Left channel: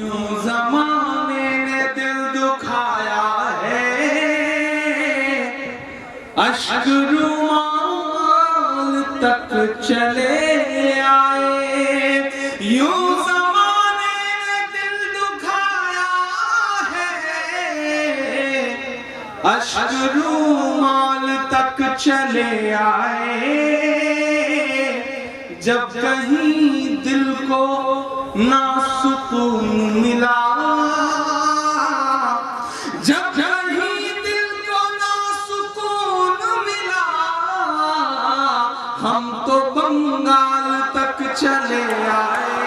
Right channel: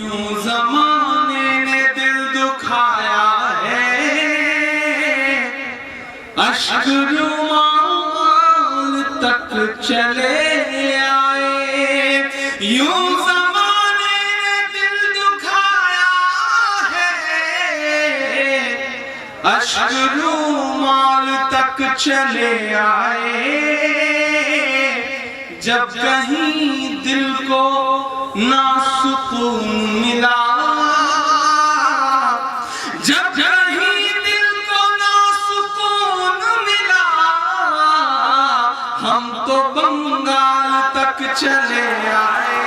यूं ज़माने ने दिल दुखाया है, अश्क रुमाल तक चले आए। यूं ज़माने ने दिल दुखाया है, अश्क रुमाल तक चले आए। जब कहीं दिल को ना सुकून मिला, जब कहीं दिल को ना सुकून मिला, हम तो बंगाल तक चले आए,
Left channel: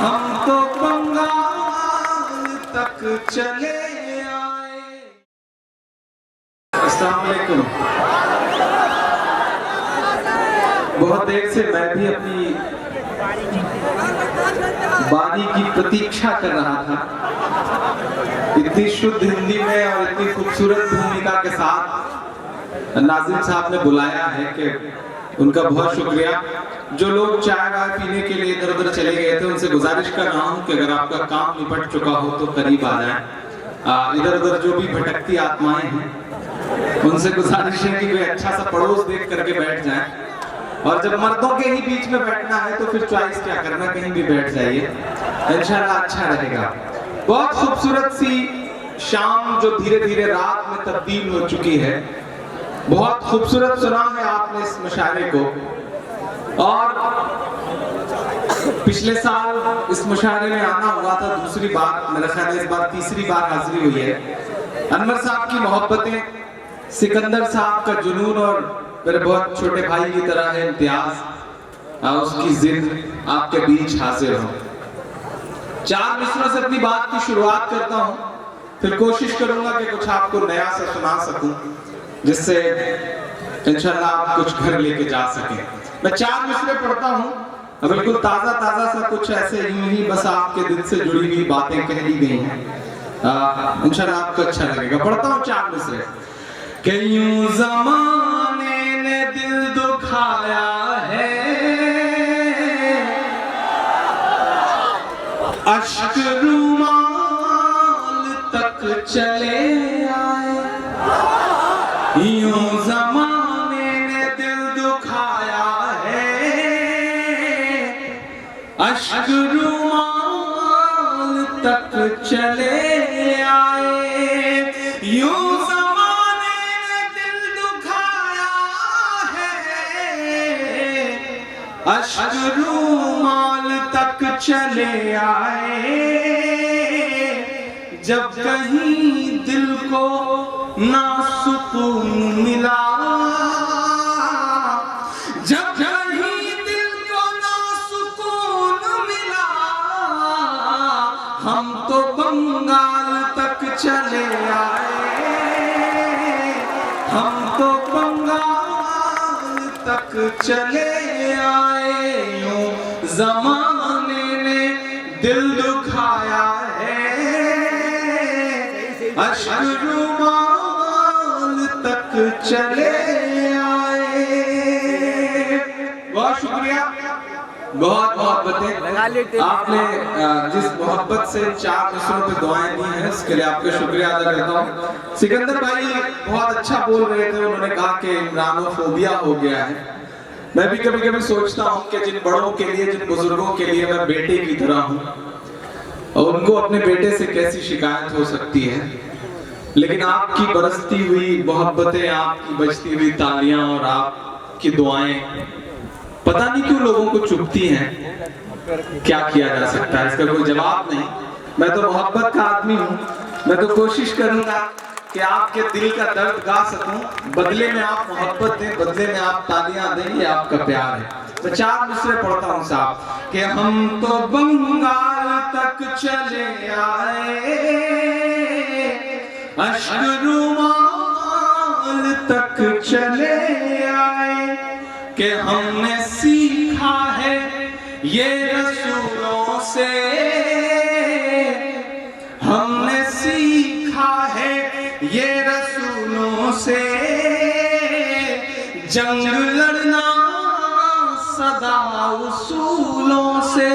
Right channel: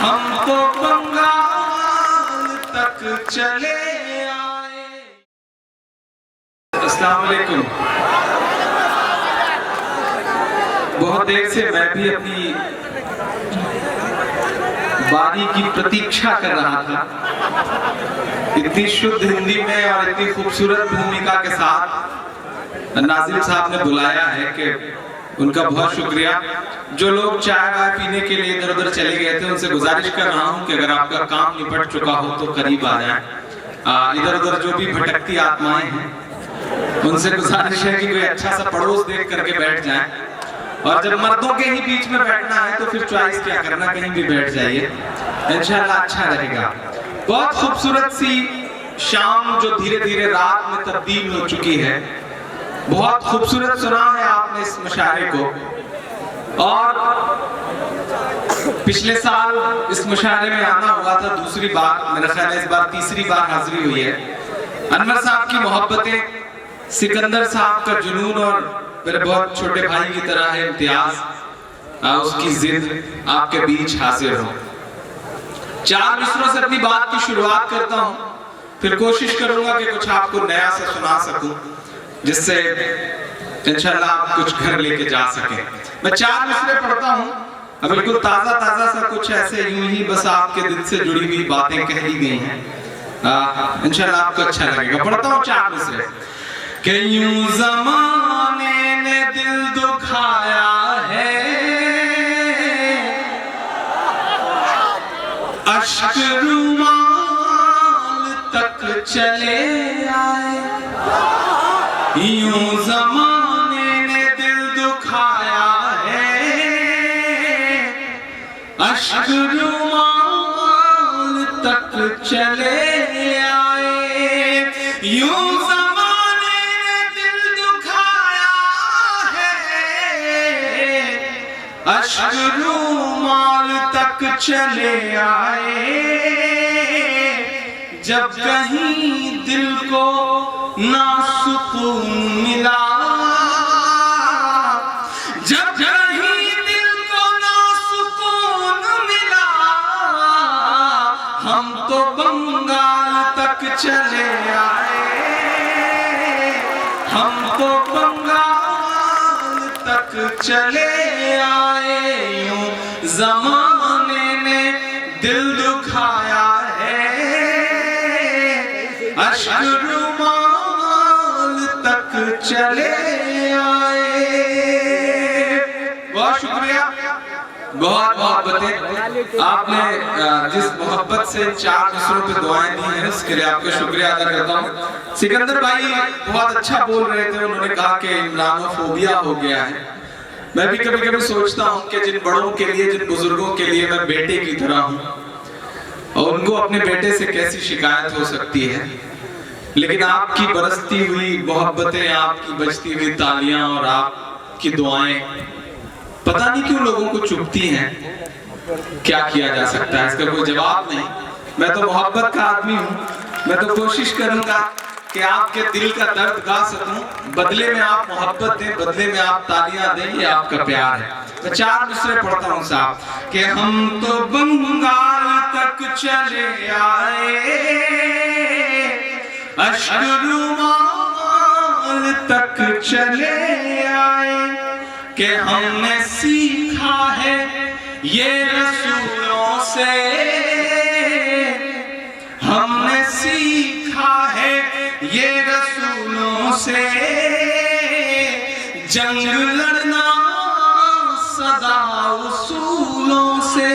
हम तो बंगाल तक चले आए। अस्सलाम वालेकुम। बहुत देर से मैं भी अपनी बारी की प्रतीक्षा कर रहा था। इतनी शुद्ध हिंदी में और इतनी खूबसूरत भूमिका के साथ नाज़िम साहब ने बुलाया है कि उनका बहुत शुक्रिया। जो लोग चाय वाय पीने के लिए इधर उधर चले गए थे, उनसे गुजारिश कर रहा हूं कि अगर आपका काम निपट चुका हो तो करीब आ जाएं। इधर उधर जो भी भटकती आत्माएं हैं, उनसे गुजारिश है कि कोई अच्छा सा पड़ोस देख करके बैठ जाएं। और जब मर्दों के ही बीच में बैठना है तो फिर चॉइस क्या करना, कहीं भी बैठ जाइए, इंशाल्लाह अच्छा रहेगा। बहुत खूबसूरत सी शाम जो धीरे धीरे रात में तब्दील हो चुकी है। बहुत खूबसूरत सुना है आपने इस मुशायरे को। और पिछले साल इस मुशायरे में आना हुआ था दूसरी बार, मेरा ख्याल है इस बार तीसरी बार हाजिरी हुई है। अनवर साहब की मोहब्बतें, सिकंदर साहब का जुनून और मेरे बहुत छोटे भाई की तरह है इम्तियाज, उसकी जिद आपके बीच हाजिर हो। चार मिसरों से अपनी बात की शुरुआत करता हूं, फिर कोशिश करूंगा कि कुछ आपको नया सा सुना सकूं, जिससे इंशाल्लाह आप कुछ घर लेके जा सकें। मैं चार मिसरे पढ़ता हूं, बिल्कुल ताजा ताजा सा कुछ ऐसे यूं ही बस आपके दिल से जुड़ी हुई बातें कह दी गई हैं। इंशाल्लाह आपको अच्छा लगेगा। पढ़ता हूं चार मिसरे। कि यूं ज़माने ने दिल दुखाया है, अश्क रुमाल तक चले आए। यूं ज़माने ने दिल दुखाया है, अश्क रुमाल तक चले आए। यूं ज़माने ने दिल दुखाया है, अश्क रुमाल तक चले आए। जब कहीं दिल को ना सुकून मिला, जब कहीं दिल को ना सुकून मिला, हम तो बंगाल तक चले आए, हम तो बंगाल तक चले आए। यूं ज़माने ने दिल दुखाया है, अश्क रुमाल तक चले आए। बहुत शुक्रिया, बहुत मोहब्बतें। आपने जिस मोहब्बत से चार मिसरों पे दुआएं दी हैं, उसके लिए आपका शुक्रिया अदा करता हूँ। सिकंदर भाई बहुत अच्छा बोल रहे थे। उन्होंने कहा कि इमरानोफोबिया हो गया है। मैं भी कभी कभी सोचता हूँ कि जिन बड़ों के लिए, जिन बुजुर्गों के लिए मैं बेटे की तरह हूँ, और उनको अपने बेटे से कैसी शिकायत हो सकती है। लेकिन आपकी बरसती हुई मोहब्बतें, आपकी बजती हुई तालियां और आपकी दुआएं पता नहीं क्यों लोगों को चुभती हैं। क्या किया जा सकता है, इसका कोई जवाब नहीं। मैं तो मोहब्बत का आदमी हूँ। मैं तो कोशिश करूंगा कि आपके दिल का दर्द गा सकूं, बदले में आप मोहब्बत दें, बदले में आप तालियां दें। ये आपका प्यार है। मैं चार मिसरे पढ़ता हूँ साहब। कि हम तो बंगाल तक चले आए, अश्क रुमाल तक चले आए। कि हमने सीखा है ये रसूलों से, हमने सीखा है ये रसूलों से, जंग लड़ना सदा उसूलों से।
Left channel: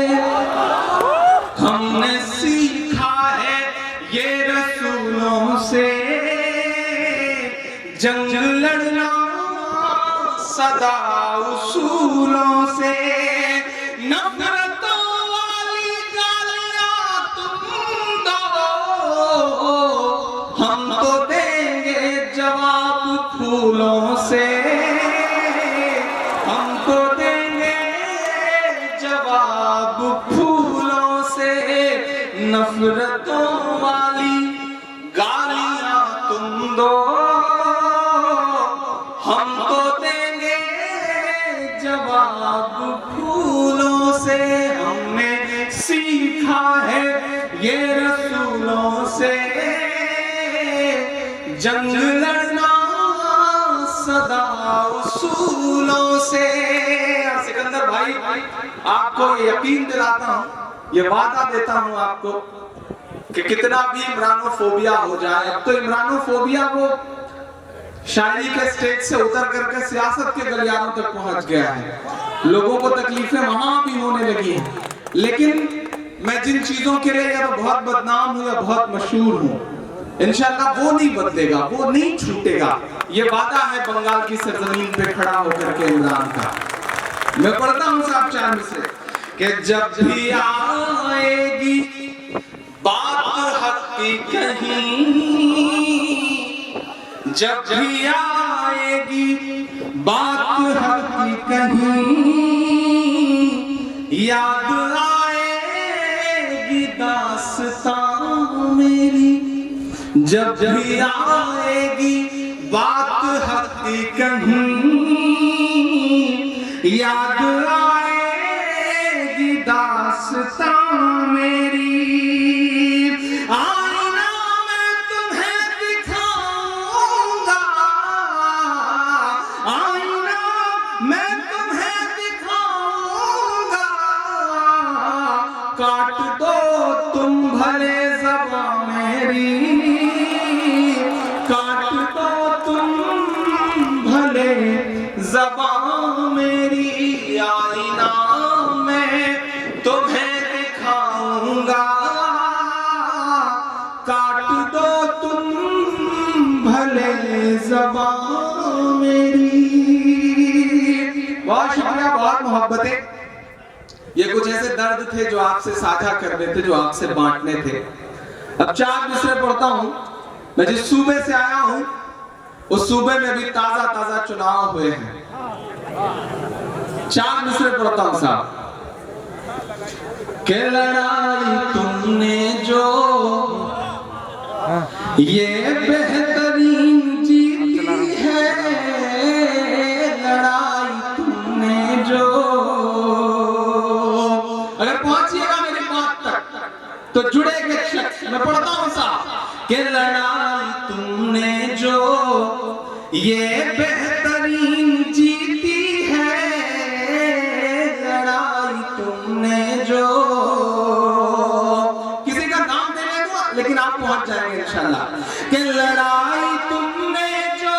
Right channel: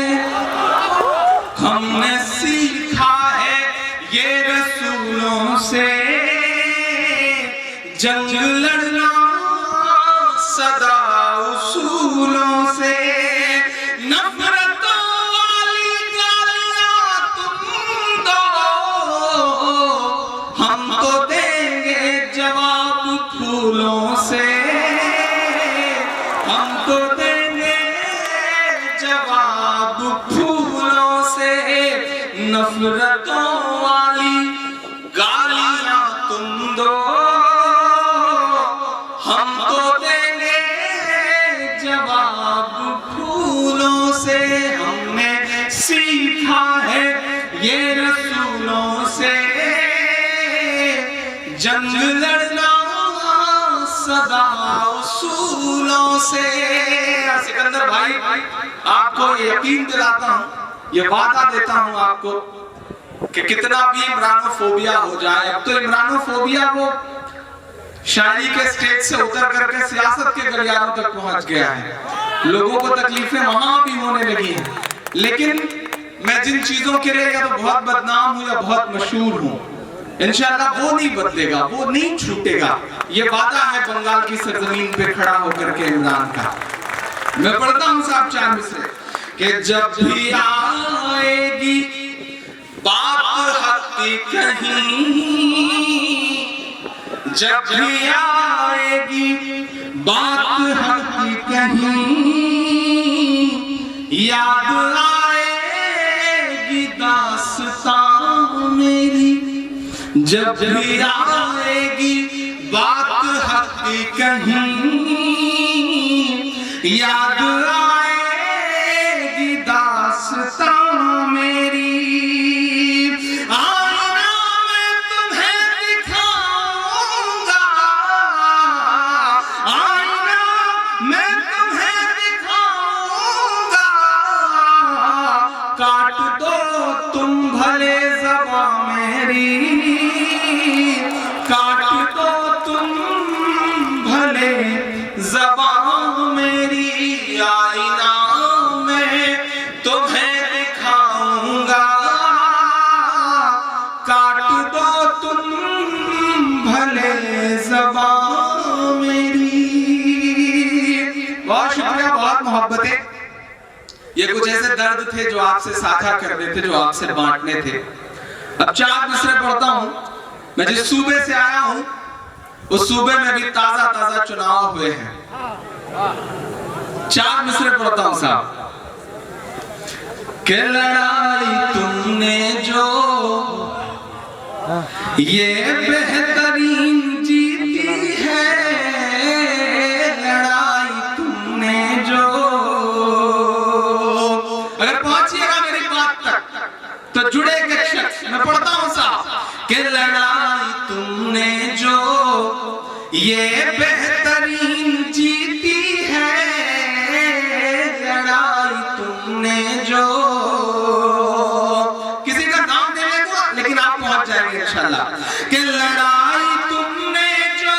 फूलों से, नफरतों वाली गालियां तुम दो, हम तो देंगे जवाब फूलों से, हम तो देंगे जवाब फूलों से, नफरतों वाली गालियां तुम दो, हम तो देंगे जवाब फूलों से। हमने सीखा है ये रसूलों से, जंग लड़ना सदा उसूलों से। सिकंदर भाई, आपको यकीन दिलाता हूं, ये वादा देता हूं आपको कि कितना भी इमरानोफोबिया हो जाए, अब तो इमरानोफोबिया वो शायरी के स्टेज से उतर करके सियासत के गलियारों तक पहुंच गया है। लोगों को तकलीफें वहां भी होने लगी हैं, लेकिन मैं जिन चीजों के लिए या तो बहुत बदनाम हूं या बहुत मशहूर हूं, इंशाल्लाह वो नहीं बदलेगा, वो नहीं छूटेगा। ये वादा है बंगाल की सरजमीन पे खड़ा होकर के इमरान का। मैं पढ़ता हूं साहब चांद से कि जब भी आएगी बात हक की कहीं, जब भी आएगी बात हक की कहीं, याद आएगी दास्तां मेरी, जब भी आएगी बात हक की कहीं, याद आएगी दास्तां मेरी। आईना मैं तुम्हें दिखाऊंगा, आईना मैं तुम्हें दिखाऊंगा, काट दो तुम भले ज़बां मेरी, काट दो तुम भले ज़बां मेरी। आईना मैं तुम्हें दिखाऊंगा, काट दो तुम भले ज़बां मेरी। बहुत शुक्रिया, बहुत मोहब्बतें। ये कुछ ऐसे दर्द थे जो आपसे साझा करने थे, जो आपसे बांटने थे। अब 4 मिसरे पढ़ता हूं। मैं जिस सूबे से आया हूं उस सूबे में भी ताजा ताजा चुनाव हुए हैं। 4 मिसरे पढ़ता हूं साहब। कि लड़ाई तुमने जो ये बेहतरीन जीती है, लड़ाई तुमने जो। अगर पहुंचिएगा मेरी बात तक तो जुड़ेगा शख्स। मैं पढ़ता हूं साहब कि लड़ाई तुमने जो ये बेहतरीन जीती है, लड़ाई तुमने जो। किसी का नाम देने दो, लेकिन आप पहुंच जाएंगे इंशाल्लाह। कि लड़ाई तुमने जो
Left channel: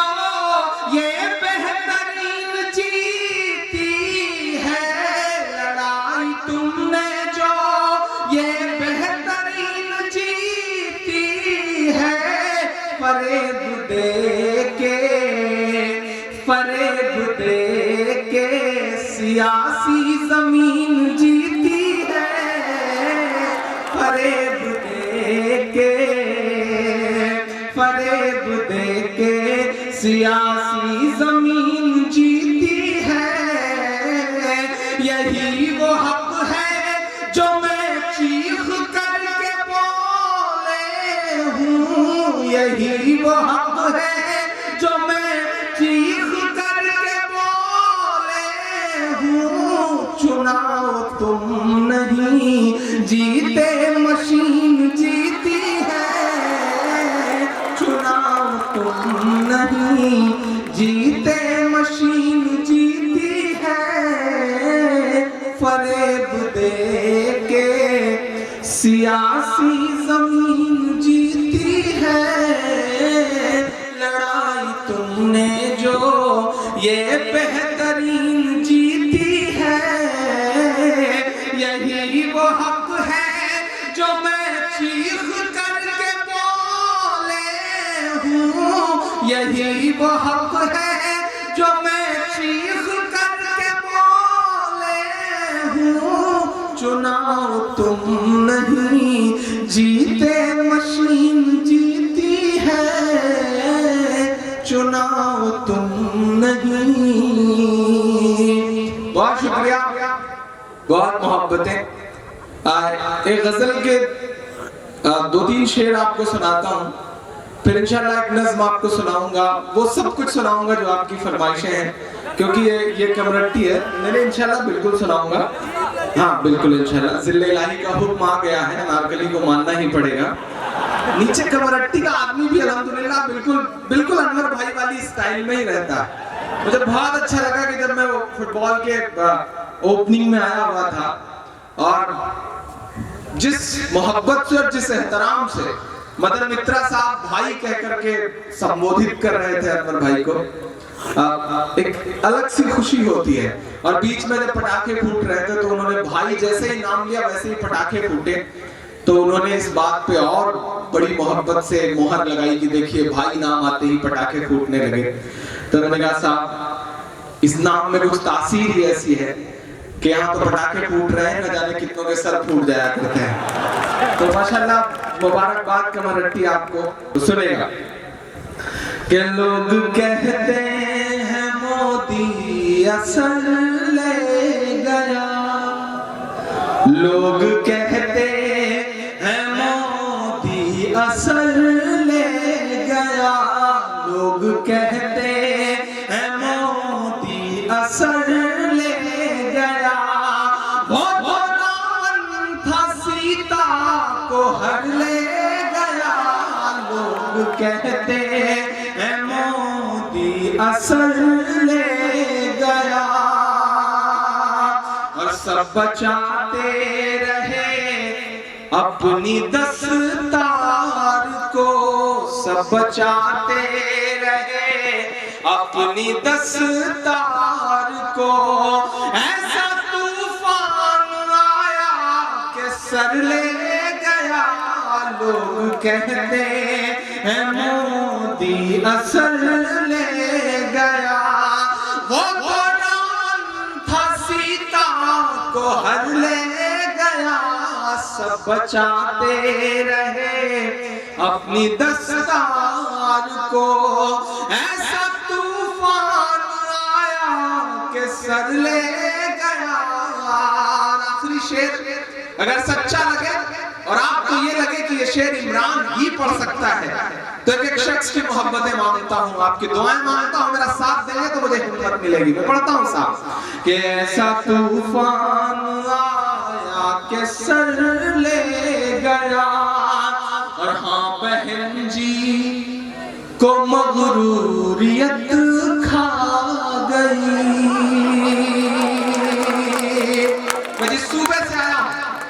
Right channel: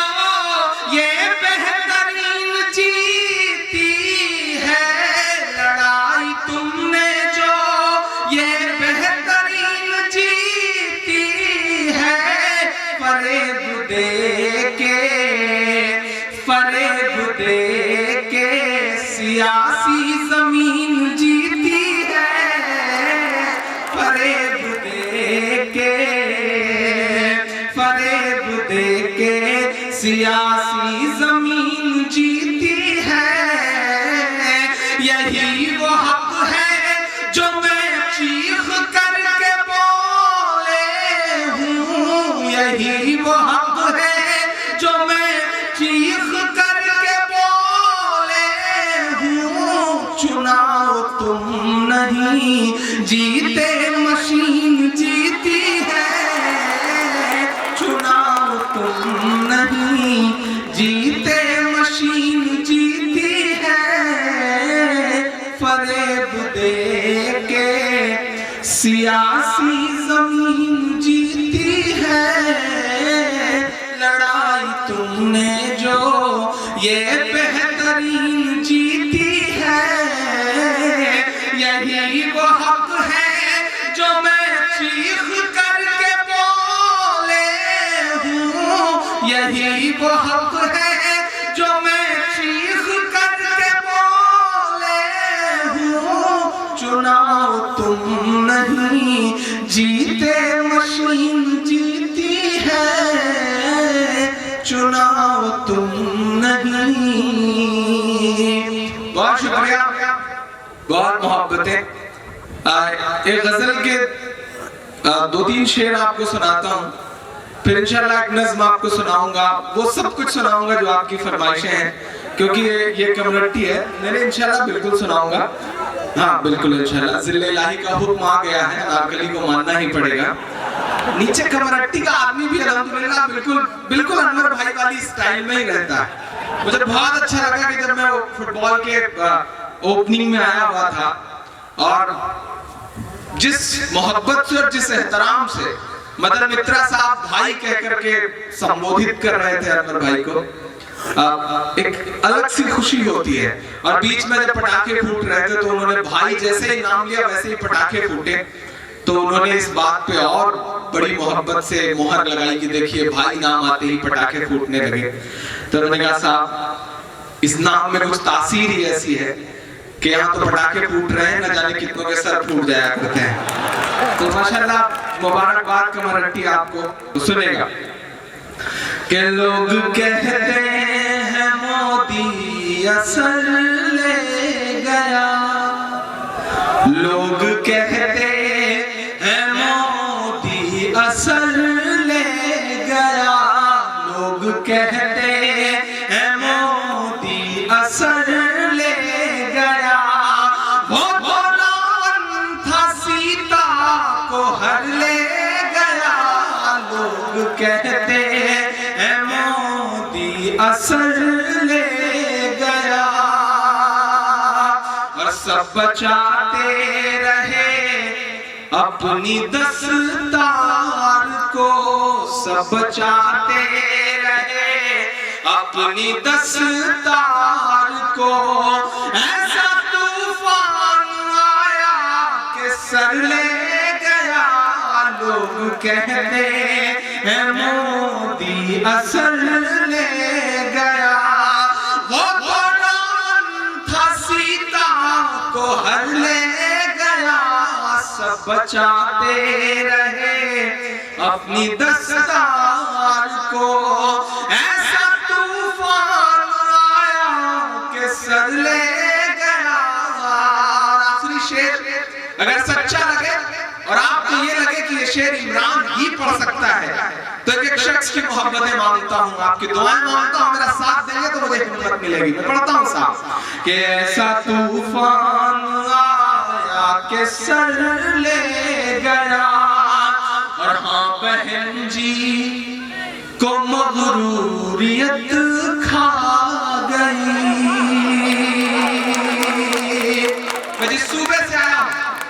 ये बेहतरीन जीती है, लड़ाई तुमने जो ये बेहतरीन जीती है, फरेब दे के सियासी जमीन जीती है, फरेब दे के सियासी जमीन जीती है। यही वो हक है जो मैं चीख करके बोले हूँ, यही वो हक है जो मैं चीख करके बोले हूँ। चुनाव तुम नहीं जीते, मशीन जीती है, चुनाव तुम नहीं जीते, मशीन जीती है। फरेब दे के सियासी जमीन जीती है, लड़ाई तुमने जो ये बेहतरीन जीती है। यही वो हक है जो मैं चीख करके बोले हूँ, यही वो हक है जो मैं चीख करके बोले तुम नहीं, जीते मशीन जीती है, चुनाव तुम नहीं। बहुत शुक्रिया, बहुत मोहब्बतें। एक गजल के 2-3 शेर आपको सुनाता हूँ, फिर इंशाल्लाह एक नज़्म आपको सुनाऊंगा। वो सब कुछ सुनाऊंगा जो आपकी फरमाइशें हैं, क्योंकि ये कम्युनिटी है। मैंने इंशाल्लाह बिल्कुल सुनाऊंगा, हाँ बिल्कुल इंशाल्लाह। ज़िल्ले इलाही का हुक्म आ गया है, अनारकली को मानना ही पड़ेगा। नीचे कम्युनिटी का आदमी भी अल्हम्दुलिल्लाह बिल्कुल अनवर भाई वाली स्टाइल में ही रहता है। मुझे बहुत अच्छा लगा कि जब मैं फुटबॉल के ओपनिंग में आया हुआ था और जिस मोहब्बत से और जिस एहतराम से मदर मित्रा साहब भाई कह करके संबोधित कर रहे थे अनवर भाई को, एक अलग सी खुशी होती है। और बीच में जब पटाखे फूट रहे थे तो उन्होंने भाई जैसे ही नाम लिया वैसे ही पटाखे फूटे, तो उन्होंने इस बात पे और बड़ी मोहब्बत से मोहर लगाई कि देखिए भाई नाम आते ही पटाखे फूटने लगे। तो उन्होंने कहा साहब इस नाम में कुछ तासीर ही ऐसी है कि यहाँ तो पटाखे फूट रहे हैं, न जाने कितनों के सर फूट जाया करते हैं। तो माशाल्लाह मुबारकबाद कमरट्टी आपको। तो सुनेगा कि लोग कहते हैं मोदी असर ले गया, लोग कहते हैं मोदी असर ले गया, लोग कहते हैं मोदी असर ले गया, वो रावण था सीता को हर ले गया, लोग कहते हैं मोदी असर ले गया। और सब बचाते रहे अपनी दस्तार को, सब बचाते रहे अपनी दस्तार को, ऐसा तूफान आया कि सर ले गया, लोग कहते हैं मोदी असर ले गया, वो कुरान था सीता को हर ले गया, सब बचाते रहे अपनी दस्तार को, ऐसा तूफान आया कि सर ले गया। आखिरी शेर अगर सच्चा लगे और आपको ये लगे कि ये शेर इमरान ही पढ़ सकता है, तो एक शख्स की मोहब्बतें मांगता हूँ, आपकी दुआएं मांगता हूँ, मेरा साथ देंगे तो मुझे हिम्मत मिलेगी। मैं पढ़ता हूँ साहब कि ऐसा तूफान आया कि सर ले गया, और हाँ बहन जी को मगरूरियत खा गई। मैं जिस सूबे से आया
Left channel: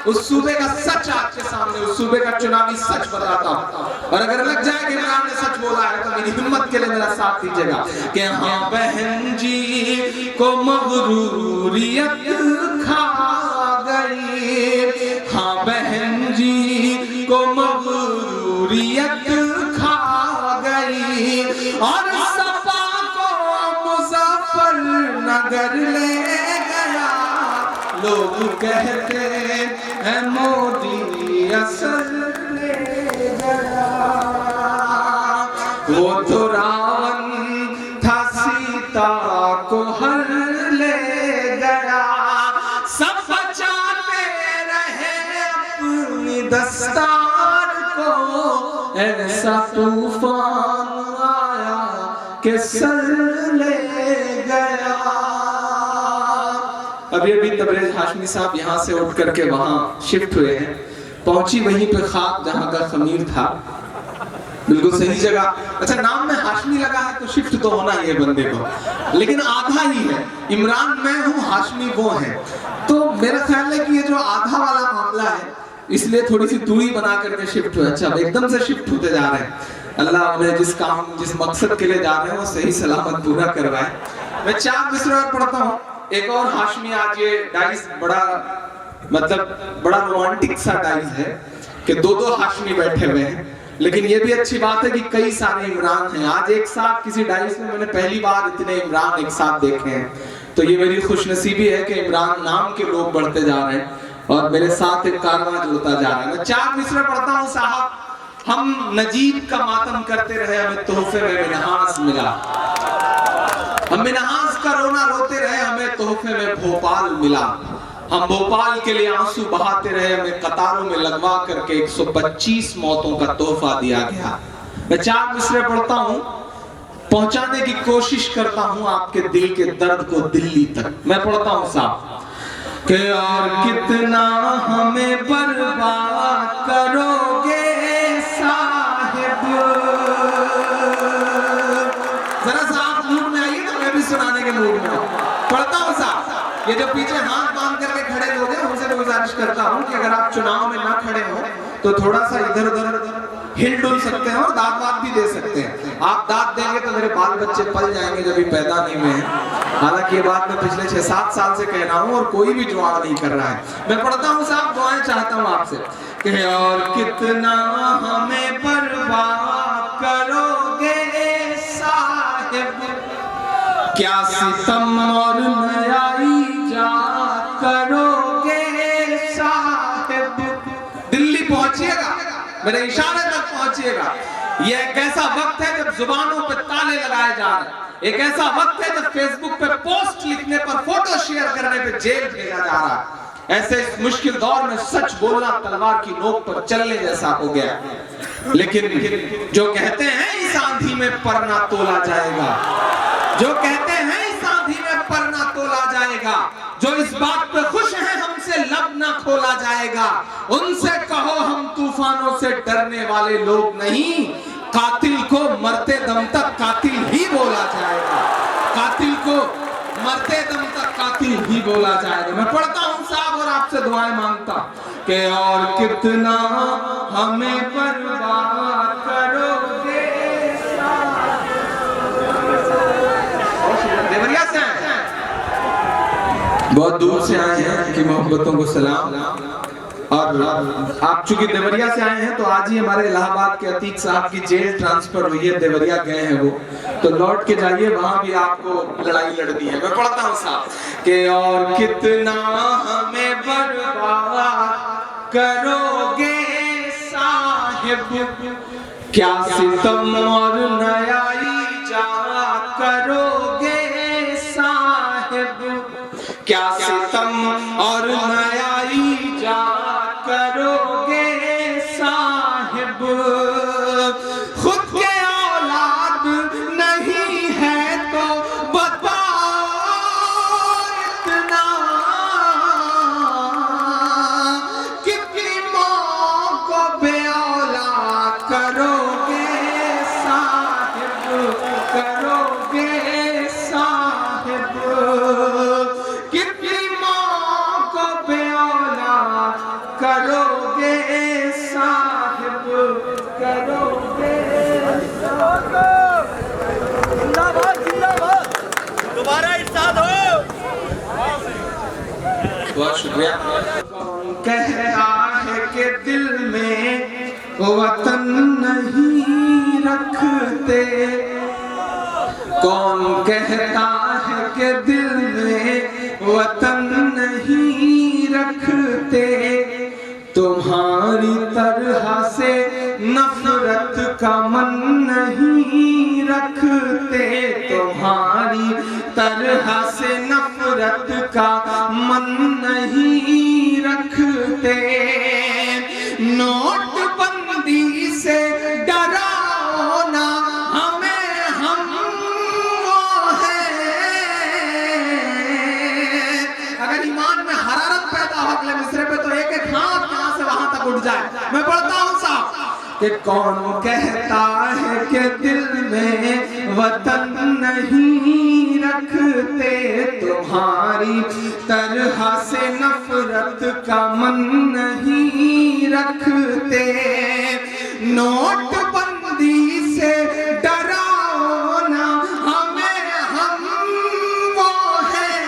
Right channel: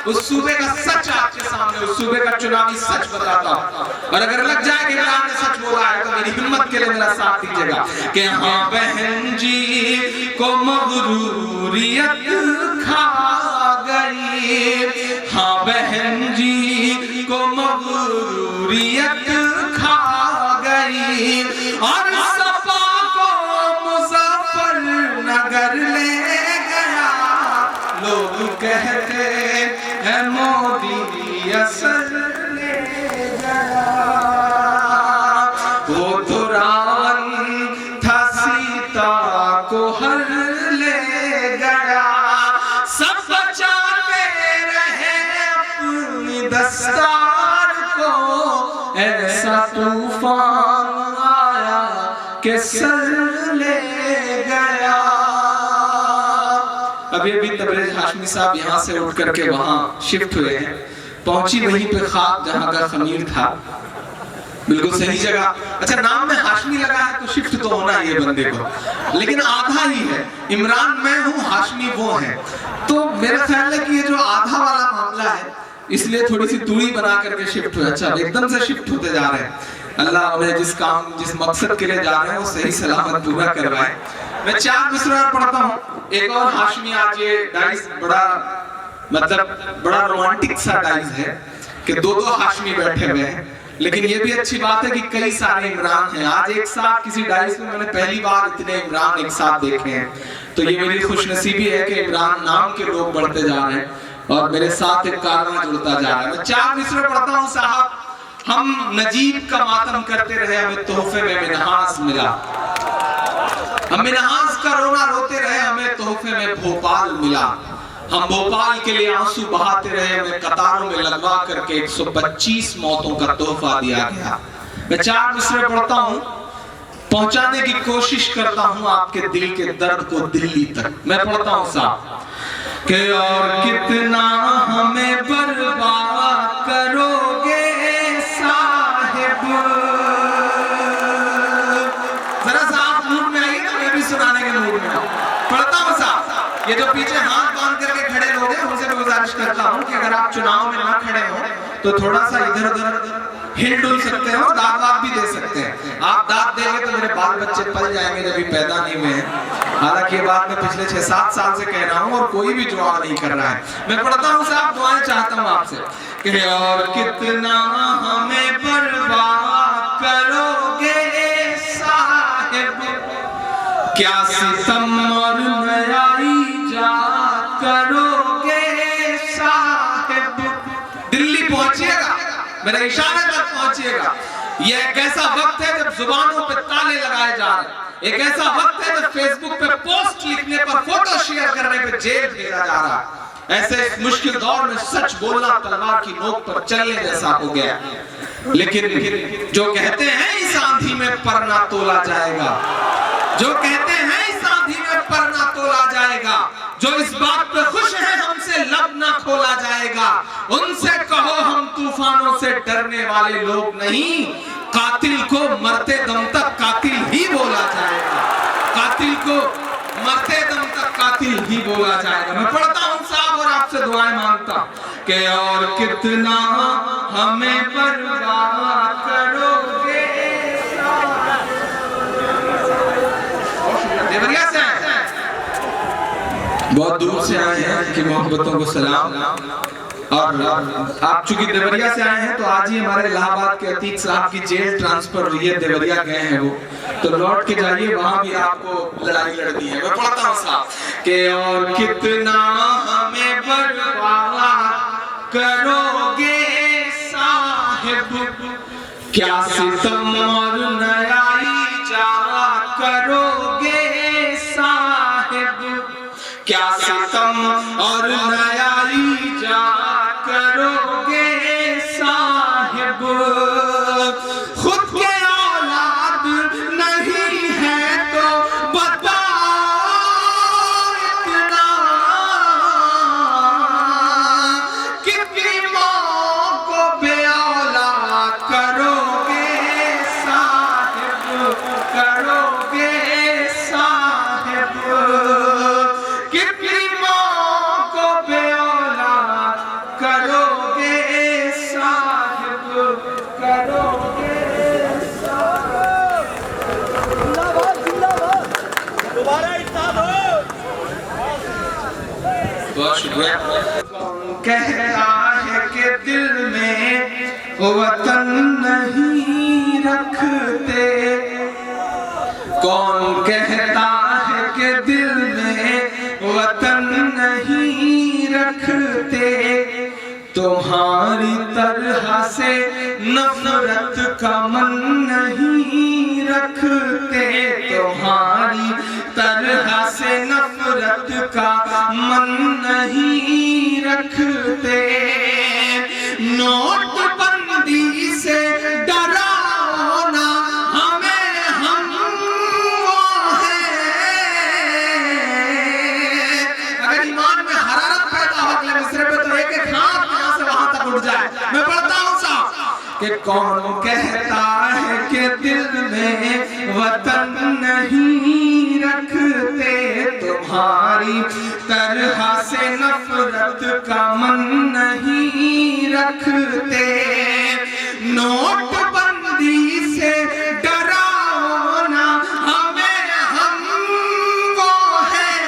उस सूबे का सच आपके सामने, उस सूबे का चुनावी सच बताता हूं, और अगर लग जाए कि इमरान ने सच बोला है तो मेरी हिम्मत के लिए मेरा साथ दीजिएगा कि हाँ बहन जी को मगरूरियत खा गई, हाँ बहन जी को मगरूरियत खा गई, और सपा को मुजफ्फरनगर ले गया, लोग कहते हैं मोदी असर ले गया, वो तो रावण था सीता को हर ले गया, सब बचाते रहे अपनी दस्तार को, ऐसा तूफान आया कि सर ले गया। अभी तबरेज हाशमी साहब यहाँ से उठ करके वहाँ शिफ्ट हुए हैं, पहुंची वहीं पे ख्वाब जहाँ का खमीर था, बिल्कुल सही जगह। अच्छा नाम में हाशमी लगा है तो शिफ्ट तो होना ही है बंदे को, लेकिन आधा ही है, इमरान मैं हूँ हाशमी वो है, तो मेरा ख्याल है कि ये जो आधा वाला मामला है इसलिए थोड़ी सी दूरी बना करके शिफ्ट हुए। अच्छा एकदम से शिफ्ट होते जा रहे हैं, अल्लाह उन्हें जिस मकसद के लिए जा रहे हैं वो सही सलामत पूरा करवाए। मैं 4 मिसरा पढ़ता हूँ, एक और हाशमी। आज ये डाइस बड़ा रोमांटिक सा डाइस है कि 2-2 हाशमी बैठे हुए हैं, लेकिन ये भी अच्छी बात है कि कई सारे इमरान हैं। आज एक साथ किसी डाइस में मैंने पहली बार इतने इमरान एक साथ देखे हैं, तो ये मेरी खुशनसीबी है कि इमरान नाम के लोग बढ़ते जा रहे हैं। और मेरे साथ एक कारवां जुड़ता जा रहा है। मैं 4 मिसरे पढ़ता हूँ साहब। हम नजीब का मातम करते रहे, हमें तोहफे में मिन्हास मिला। हम मिन्हास का रोना रोते रहे, हमें तोहफे में भोपाल मिला। हम भोपाल के लिए आंसू बहाते रहे, हमें कतारों में लगवा करके 125 मौतों का तोहफा दिया गया। मैं 4 मिसरे पढ़ता हूँ, पहुंचाने की कोशिश करता हूं आपके दिल के दर्द को दिल्ली तक। मैं पढ़ता हूं साहब कि और कितना हमें बर्बाद करोगे साहिब। जरा सा आप मूड में आइए तो मैं भी सुनाने के मूड में हूं। पढ़ता हूं साहब। ये जो पीछे हाथ बांध करके खड़े लोग हैं, उनसे मैं गुजारिश करता हूं कि अगर आप चुनाव में ना खड़े हो तो थोड़ा सा इधर उधर हिल डुल सकते हैं और दाद वाद भी दे सकते हैं। आप दाद देंगे तो मेरे बाल बच्चे पल जाएंगे जब भी पैदा नहीं हुए हैं। हालांकि ये बात मैं पिछले 6-7 साल से कह रहा हूँ और कोई भी दुआ नहीं कर रहा है। मैं पढ़ता हूँ साहब, दुआएं चाहता हूँ आपसे कि और कितना हमें बर्बाद करोगे साहिब, क्या सितम और नयाई जा करोगे साहिब। दिल्ली पहुंचिएगा, मेरे इशारे तक पहुंचिएगा। ये एक ऐसा वक्त है जब जुबानों पे ताले लगाए जा रहे हैं। एक ऐसा वक्त है जब फेसबुक पे पोस्ट लिखने पर, फोटो शेयर करने पे जेल भेजा जा रहा है। ऐसे मुश्किल दौर में सच बोलना तलवार की नोक पर चलने जैसा हो गया। लेकिन जो कहते हैं इस आंधी में परना तोला जाएगा, जो कहते हैं इस आंधी में परना तोला जाएगा, जो इस बात पे खुश है हमसे लब ना खोला जाएगा, उनसे कहो हम तूफानों से डरने वाले लोग नहीं। कातिल को मरते दम तक कातिल ही बोला जाएगा, कातिल को मरते दम तक कातिल ही बोला जाएगा। मैं पढ़ता हूँ साहब और आपसे दुआएं मांगता कि और कितना हमें बर्बाद करोगे। बहुत दूर से आए हैं, उनकी मोहब्बतों को सलाम। और आप चूंकि देवरिया से आए हैं तो आज ही हमारे इलाहाबाद के अतीक साहब की जेल ट्रांसफर हुई है, देवरिया गए हैं वो, तो लौट के जाइए, वहां भी आपको लड़ाई लड़नी है। मैं पढ़ता हूँ साहब कि और कितना हमें बर्बाद करोगे साहिब, क्या सितम और नयाई जा करोगे साहिब, क्या सितम और नयाई जा करोगे साहिब। खुद के औलाद नहीं है तो बताओ इतना, कितनी माँ को बे औलाद करोगे साहिब, करोगे साहिब। करोगे साहिब, करोगे साहिब। दोबारा इरशाद हो। बहुत शुक्रिया। कहता है कि दिल में वतन नहीं रखते, कौन कहता है कि दिल में वतन नहीं रखते, तुम्हारी तरह से नफरत का मन नहीं रखते, तुम्हारी तरह से नफरत का मन नहीं रखते। नोटबंदी से डराओ ना हमें, हम वो हैं। अगर ईमान में हरारत पैदा हो अगले मिसरे पे तो एक एक हाथ यहाँ से वहां तक उठ जाए। मैं पढ़ता हूँ साहब कि कौन कहता है कि दिल में वतन नहीं रखते, तुम्हारी तरह से नफरत का मन नहीं रखते। नोटबंदी से डराओ ना हमें, हम वो हैं।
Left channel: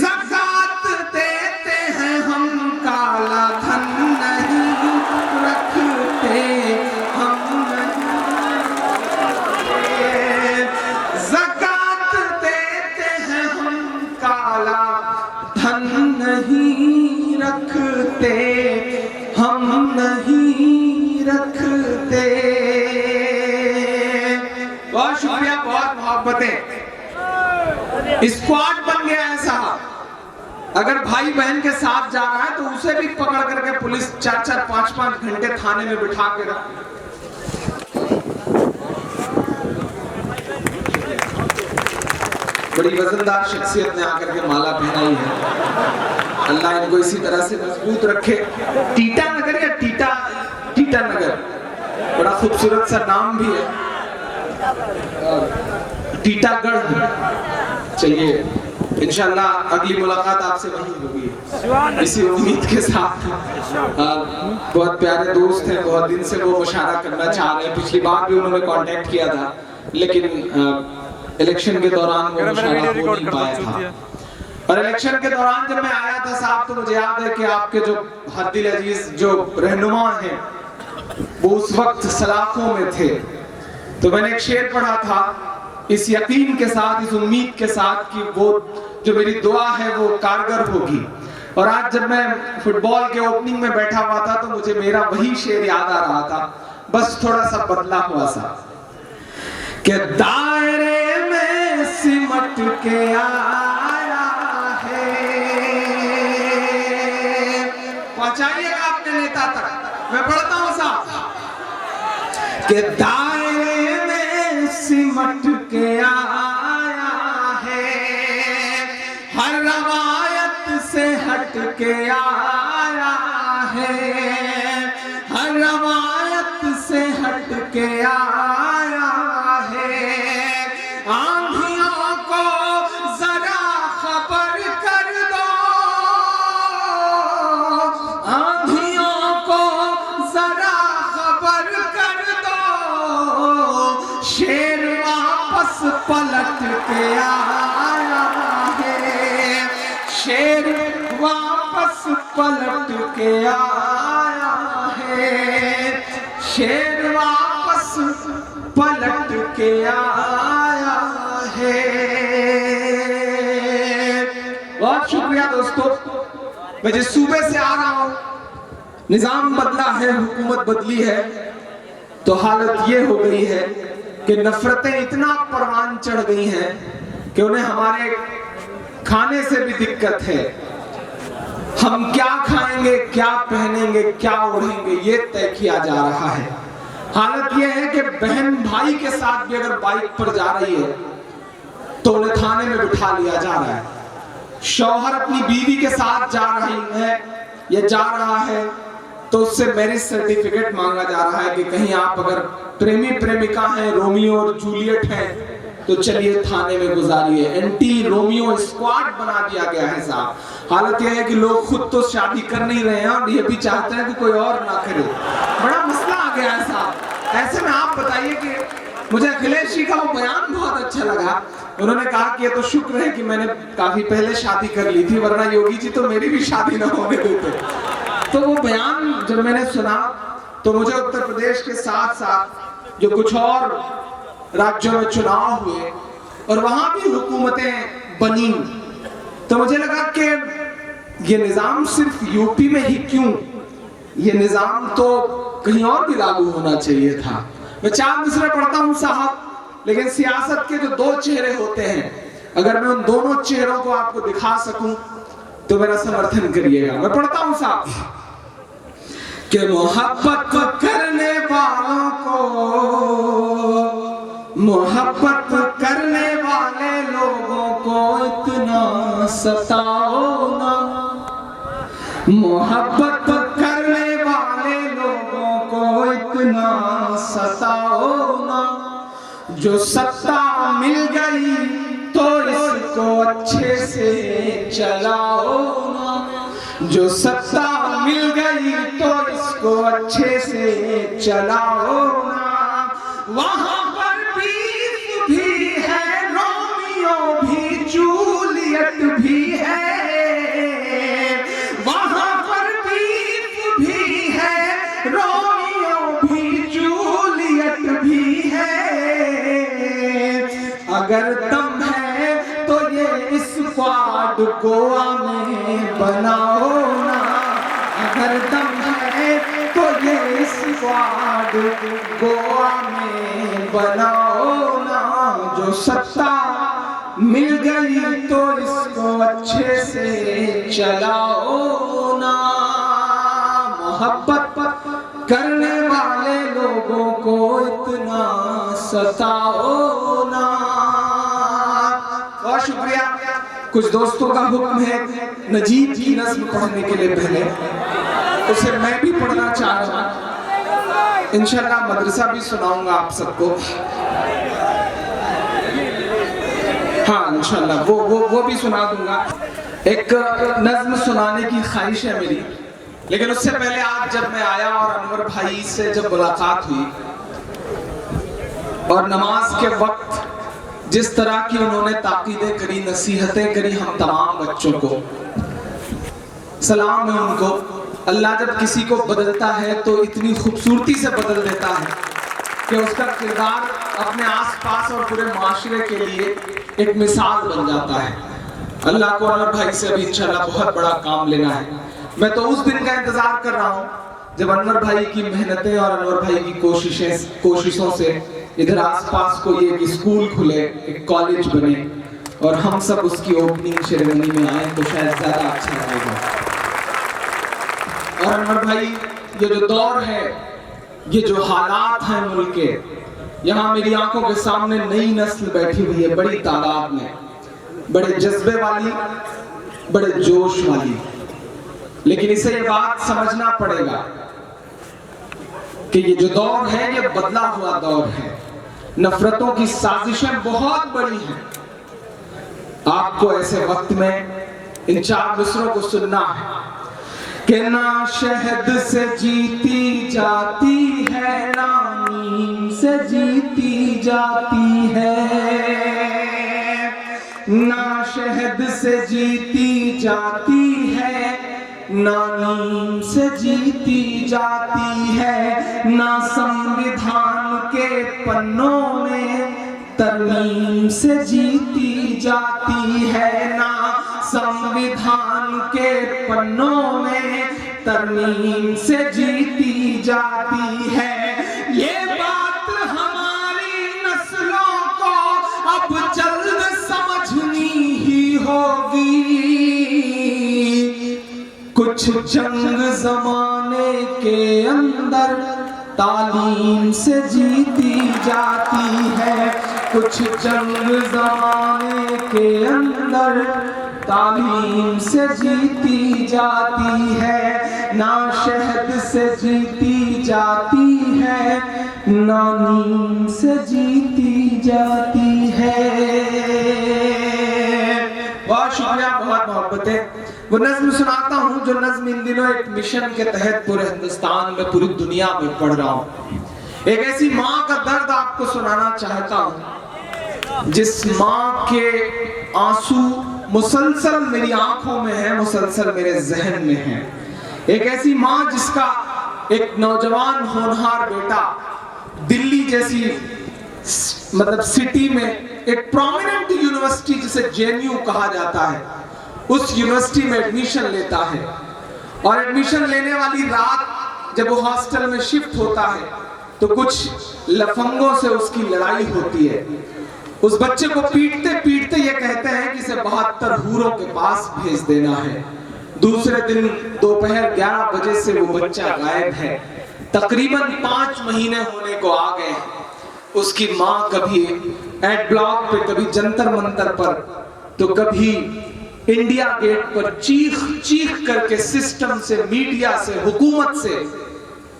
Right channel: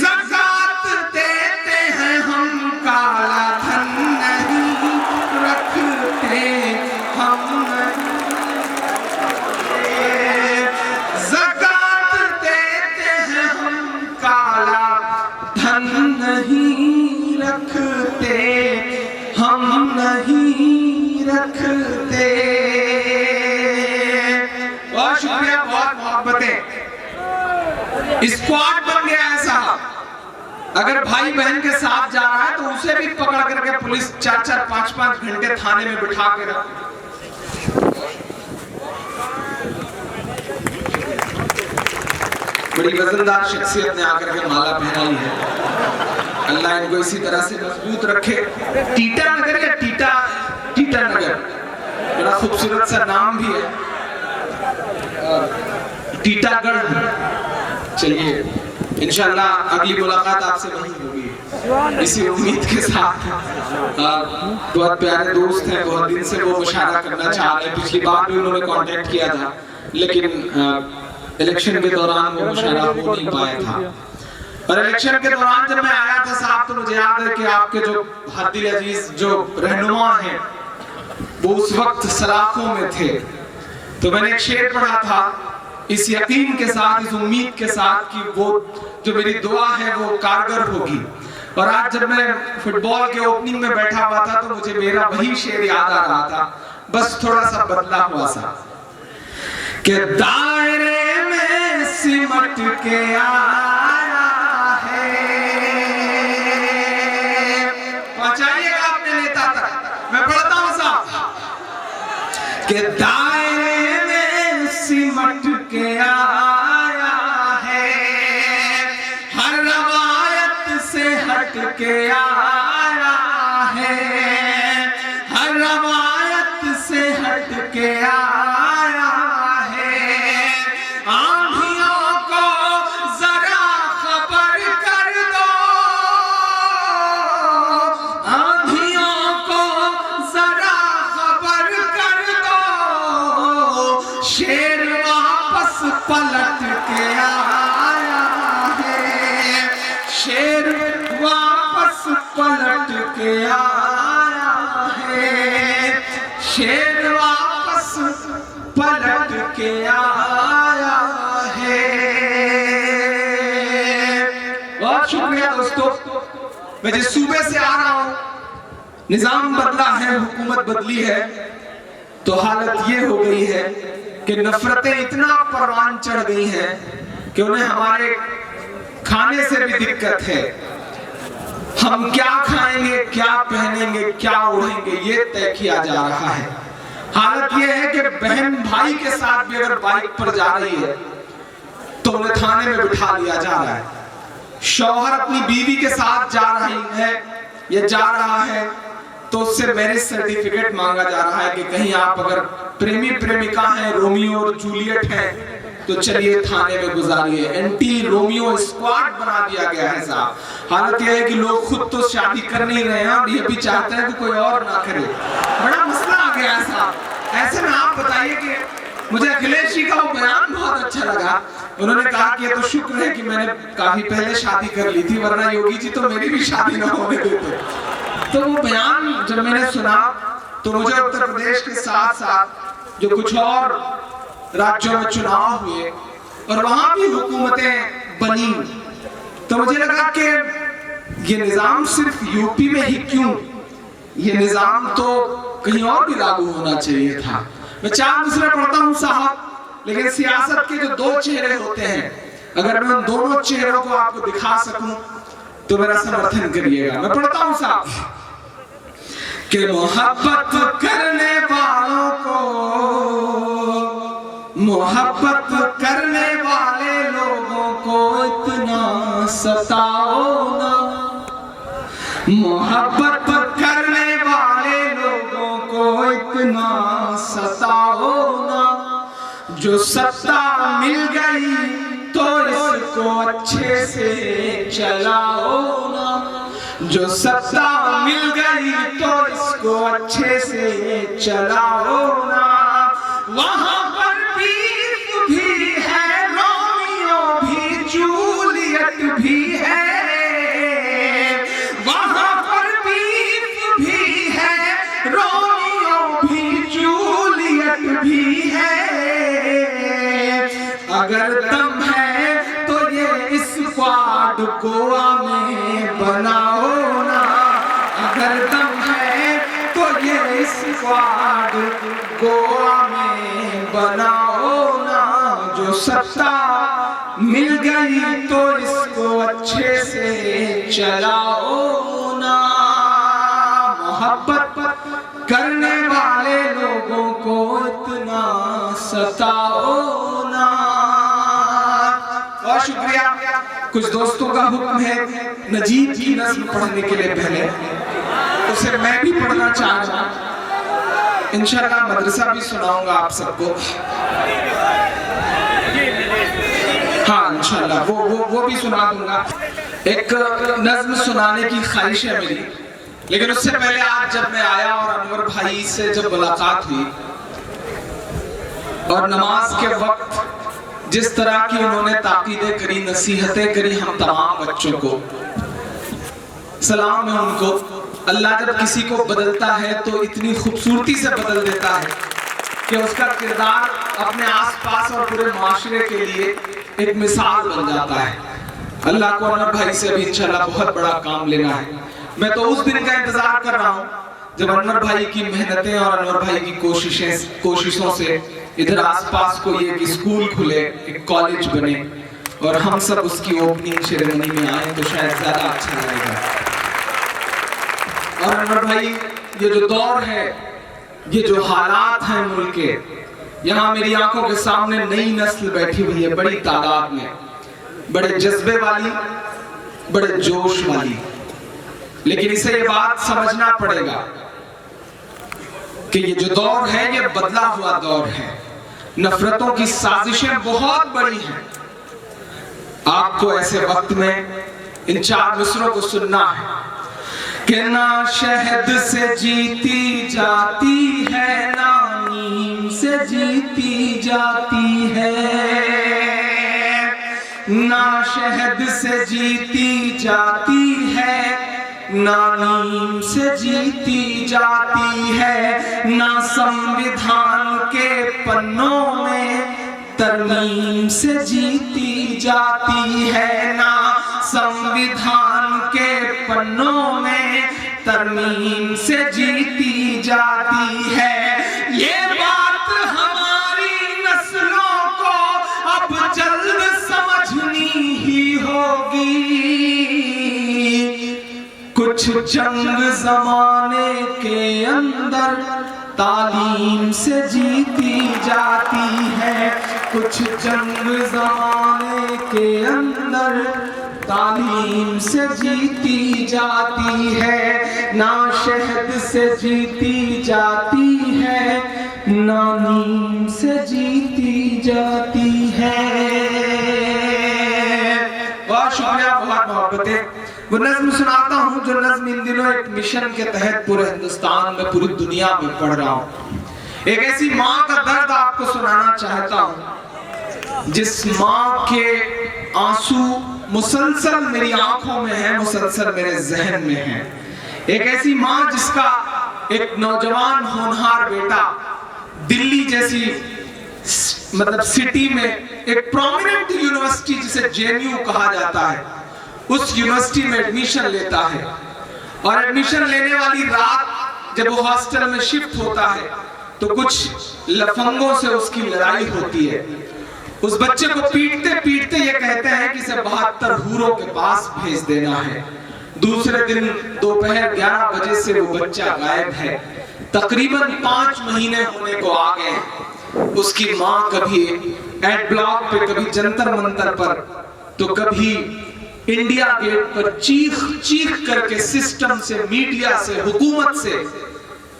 ज़कात देते हैं हम, काला धन नहीं रखते हम, ज़कात देते हैं हम, काला धन रखते, हम नहीं रखते। बहुत शुक्रिया, बहुत मोहब्बतें। स्क्वाड बन गया है साहब। अगर भाई बहन के साथ जा रहा है तो उसे भी पकड़ करके पुलिस 4-4, 5-5 घंटे थाने में बिठा के रख। बड़ी वजनदार शख्सियत ने आकर के माला पहनाई है। अल्लाह इनको इसी तरह से मजबूत रखे। टीटा नगर या टीटा नगर, बड़ा खूबसूरत सा नाम भी है, टीटागढ़। चलिए इंशाल्लाह अगली मुलाकात आपसे वहीं होगी, इसी उम्मीद के साथ। बहुत प्यारे दोस्त हैं, बहुत दिन से वो मुशायरा करना चाह रहे हैं। पिछली बार भी उन्होंने कांटेक्ट किया था, लेकिन इलेक्शन के दौरान वो मुशायरा हो नहीं पाया था। और इलेक्शन के दौरान जब मैं आया था साहब, तो मुझे याद है कि आपके जो हद्दिल अजीज जो रहनुमा हैं वो उस वक्त सलाखों में थे। तो मैंने एक शेर पढ़ा था, इस यकीन के साथ, इस उम्मीद के साथ कि वो जो मेरी दुआ है वो कारगर होगी। और आज जब मैं फुटबॉल के ओपनिंग में बैठा हुआ था तो मुझे मेरा वही शेर याद आ रहा था, बस थोड़ा सा बदला हुआ सा, कि दायरे में सिमट के आया है। पहुंचाइएगा अपने नेता तक, मैं पढ़ता हूं साहब, कि दायरे में सिमट के आया है, हर रवायत से हट के आया है, हर रवायत से हट के आया है। आंधियों को जरा खबर कर दो, आंधियों को जरा खबर कर दो, शेर वापस पलट के आया है, शेर वापस पलट के आया है, शेर वापस पलट के आया है। बहुत शुक्रिया दोस्तों। मैं जिस सूबे से आ रहा हूं, निजाम बदला है, हुकूमत बदली है, तो हालत ये हो गई है कि नफरतें इतना परवान चढ़ गई हैं कि उन्हें हमारे खाने से भी दिक्कत है। हम क्या खाएंगे, क्या पहनेंगे, क्या ओढ़ेंगे, ये तय किया जा रहा है। हालत यह है कि बहन भाई के साथ भी अगर बाइक पर जा रही है तो उन्हें थाने में बिठा लिया जा रहा है। शौहर अपनी बीवी के साथ जा रही है या जा रहा है तो उससे मैरिज सर्टिफिकेट मांगा जा रहा है कि कहीं आप अगर प्रेमी प्रेमिका हैं, रोमियो और जूलियट हैं, तो चलिए थाने में गुजारिए। एंटी रोमियो स्क्वाड बना दिया गया है साहब। हालत यह है कि लोग खुद तो शादी कर नहीं रहे हैं और ये भी चाहते हैं कि कोई और ना करे। बड़ा मसला आ गया है साहब। ऐसे में आप बताइए कि मुझे अखिलेश जी का वो बयान बहुत अच्छा लगा। उन्होंने कहा कि ये तो शुक्र है कि मैंने काफी पहले शादी कर ली थी, वरना योगी जी तो मेरी भी शादी ना होने देते। तो वो बयान जब मैंने सुना तो मुझे उत्तर प्रदेश के साथ साथ जो कुछ और राज्यों में चुनाव हुए और वहां भी हुकूमतें बनी, तो मुझे लगा कि ये निजाम सिर्फ यूपी में ही क्यों, ये निजाम तो कहीं और भी लागू होना चाहिए था। मैं 4 मिसरे पढ़ता हूं साहब, लेकिन सियासत के जो 2 चेहरे होते हैं, अगर मैं उन दोनों चेहरों को आपको दिखा सकूं तो मेरा समर्थन करिएगा। मैं पढ़ता हूं साहब कि मोहब्बत करने वालों को, मोहब्बत करने वाले लोगों को इतना सताओ ना, मोहब्बत करने वाले लोगों को इतना सताओ ना, जो सत्ता मिल गई तो इसको अच्छे से चलाओ ना, जो सत्ता मिल गई तो इसको अच्छे से चलाओ ना। वहां पर बीफ भी है, रोमियो भी, जूलियट भी है, वहां पर बीफ भी है, रोमियो भी, जूलियट भी है। अगर दम है तो ये स्क्वाड गोवा में बनाओ ना, गोवा में बनाओ ना, जो सत्ता मिल गई तो इसको अच्छे से चलाओ ना, मोहब्बत करने वाले लोगों को इतना सताओ ना। बहुत शुक्रिया। कुछ दोस्तों का हुक्म है नजीब की नज़्म पढ़ने के लिए, पहले उसे मैं भी पढ़ना चाह रहा हूं। इंशाल्लाह मदरसा भी सुनाऊंगा आप सबको। हाँ इंशाल्लाह वो भी सुना दूंगा। एक नज़्म सुनाने की ख्वाहिश है मेरी, लेकिन उससे पहले आज जब मैं आया और अनवर भाई से जब मुलाकात हुई और नमाज के वक्त जिस तरह की उन्होंने ताकीदें करी, नसीहतें करी हम तमाम बच्चों को, सलाम है उनको। अल्लाह जब किसी को बदलता है तो इतनी खूबसूरती से बदल देता है कि उसका किरदार अपने आसपास और पूरे माशरे के लिए एक मिसाल बन जाता है। अल्लाह को अनवर भाई से अभी इंशाल्लाह बहुत बड़ा काम लेना है। मैं तो उस दिन का इंतजार कर रहा हूँ जब अनवर भाई की मेहनतें और अनवर भाई की कोशिशों से इधर आसपास कोई एक स्कूल खुले, एक कॉलेज बने और हम सब उसकी ओपनिंग सेरेमनी में आए तो शायद ज्यादा अच्छा रहेगा। और अनवर भाई, ये जो दौर है, ये जो हालात हैं मुल्क के, यहाँ मेरी आंखों के सामने नई नस्ल बैठी हुई है बड़ी तादाद में, बड़े जज्बे वाली, बड़े जोश वाली। लेकिन इसे ये बात समझना पड़ेगा कि ये जो दौर है ये बदला हुआ दौर है। नफरतों की साजिशें बहुत बड़ी हैं। आपको ऐसे वक्त में इन 4 मिसरों को सुनना है कि ना शहद से जीती जाती है, ना नीम से जीती जाती है, ना शहद से जीती जाती है, ना नीम से जीती जाती है, ना संविधान के पन्नों में तरमीम से जीती जाती है, ना संविधान के पन्नों में तरमीम से जीती जाती है। ये बात हमारी नस्लों को अब जल्द समझनी ही होगी। कुछ जंग जमाने के अंदर तालीम से जीती जाती है, कुछ जंग जमाने के अंदर तालीम से जीती जाती है, ना शहद से जीती जाती है, ना नीम से जीती जाती है। बहुत शुक्रिया, बहुत मोहब्बतें। वो नज़्म सुनाता हूँ जो नज़्म इन दिनों एक मिशन के तहत पूरे हिंदुस्तान में, पूरी दुनिया में पढ़ रहा हूँ। एक ऐसी माँ का दर्द आपको सुनाना चाहता हूँ जिस माँ के आंसू मुसलसल मेरी आंखों में है, मुसलसल मेरे जहन में है। एक ऐसी माँ जिसका एक नौजवान होनहार बेटा दिल्ली जैसी मतलब सिटी में एक प्रोमिनेंट यूनिवर्सिटी जिसे जेएनयू कहा जाता है, उस यूनिवर्सिटी में एडमिशन लेता है। और एडमिशन लेने वाली रात जब वो हॉस्टल में शिफ्ट होता है तो कुछ लफंगों से उसकी लड़ाई होती है। उस बच्चे को पीटते पीटते ये कहते हैं कि इसे 72 हूरों के पास भेज देना है। दूसरे दिन दोपहर 11 बजे से वो बच्चा गायब है। तकरीबन 5 महीने होने को आ गए। उसकी माँ कभी एड ब्लॉक पे, कभी जंतर मंतर पर, तो कभी इंडिया गेट पर चीख चीख करके सिस्टम से, मीडिया से, हुकूमत से,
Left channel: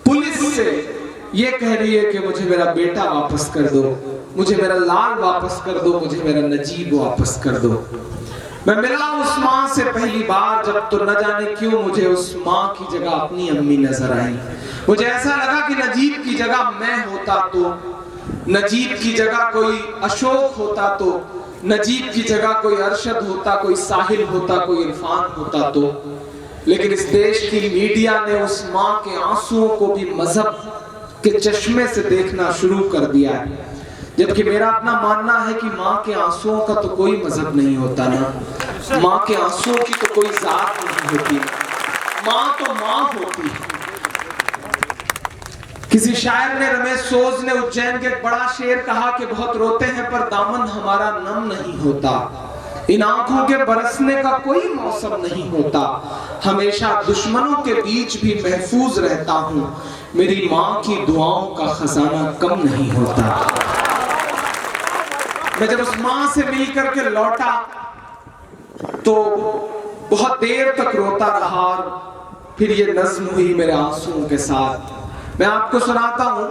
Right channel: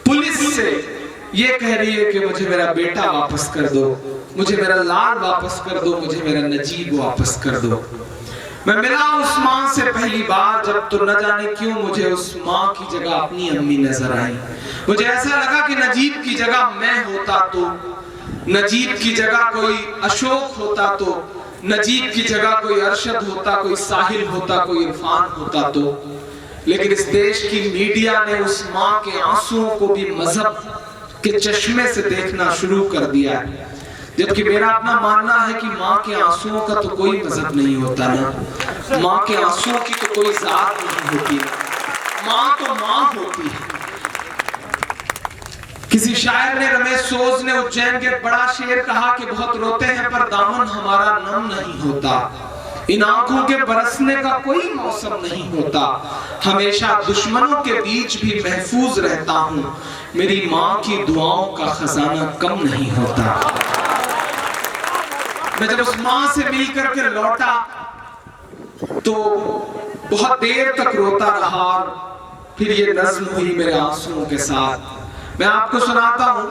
पुलिस से ये कह रही है कि मुझे मेरा बेटा वापस कर दो, मुझे मेरा लाल वापस कर दो, मुझे मेरा नजीब वापस कर दो। मैं मिला उस माँ से पहली बार जब, तो न जाने क्यों मुझे उस माँ की जगह अपनी अम्मी नजर आई। मुझे ऐसा लगा कि नजीब की जगह मैं होता तो, नजीब की जगह कोई अशोक होता तो, नजीब की जगह कोई अरशद होता, कोई साहिल होता, कोई इरफान होता तो। लेकिन इस देश की मीडिया ने उस माँ के आंसुओं को भी मजहब के चश्मे से देखना शुरू कर दिया है। जबकि मेरा अपना मानना है कि माँ के आंसुओं का तो कोई मजहब नहीं होता ना, माँ के आंसुओं की तो कोई जात नहीं होती, माँ तो माँ होती है। किसी शायर ने, रमेश सोज ने उज्जैन के एक बड़ा शेर कहा कि बहुत रोते हैं पर दामन हमारा नम नहीं होता, इन आंखों के बरसने का कोई मौसम नहीं होता, हमेशा दुश्मनों के बीच भी महफूज रहता हूं, मेरी माँ की दुआओं का खजाना कम नहीं होता। मैं जब उस माँ से मिलकर के लौटा तो बहुत देर तक रोता रहा और फिर ये नज्म हुई मेरे आंसुओं के साथ। मैं आपको सुनाता हूँ,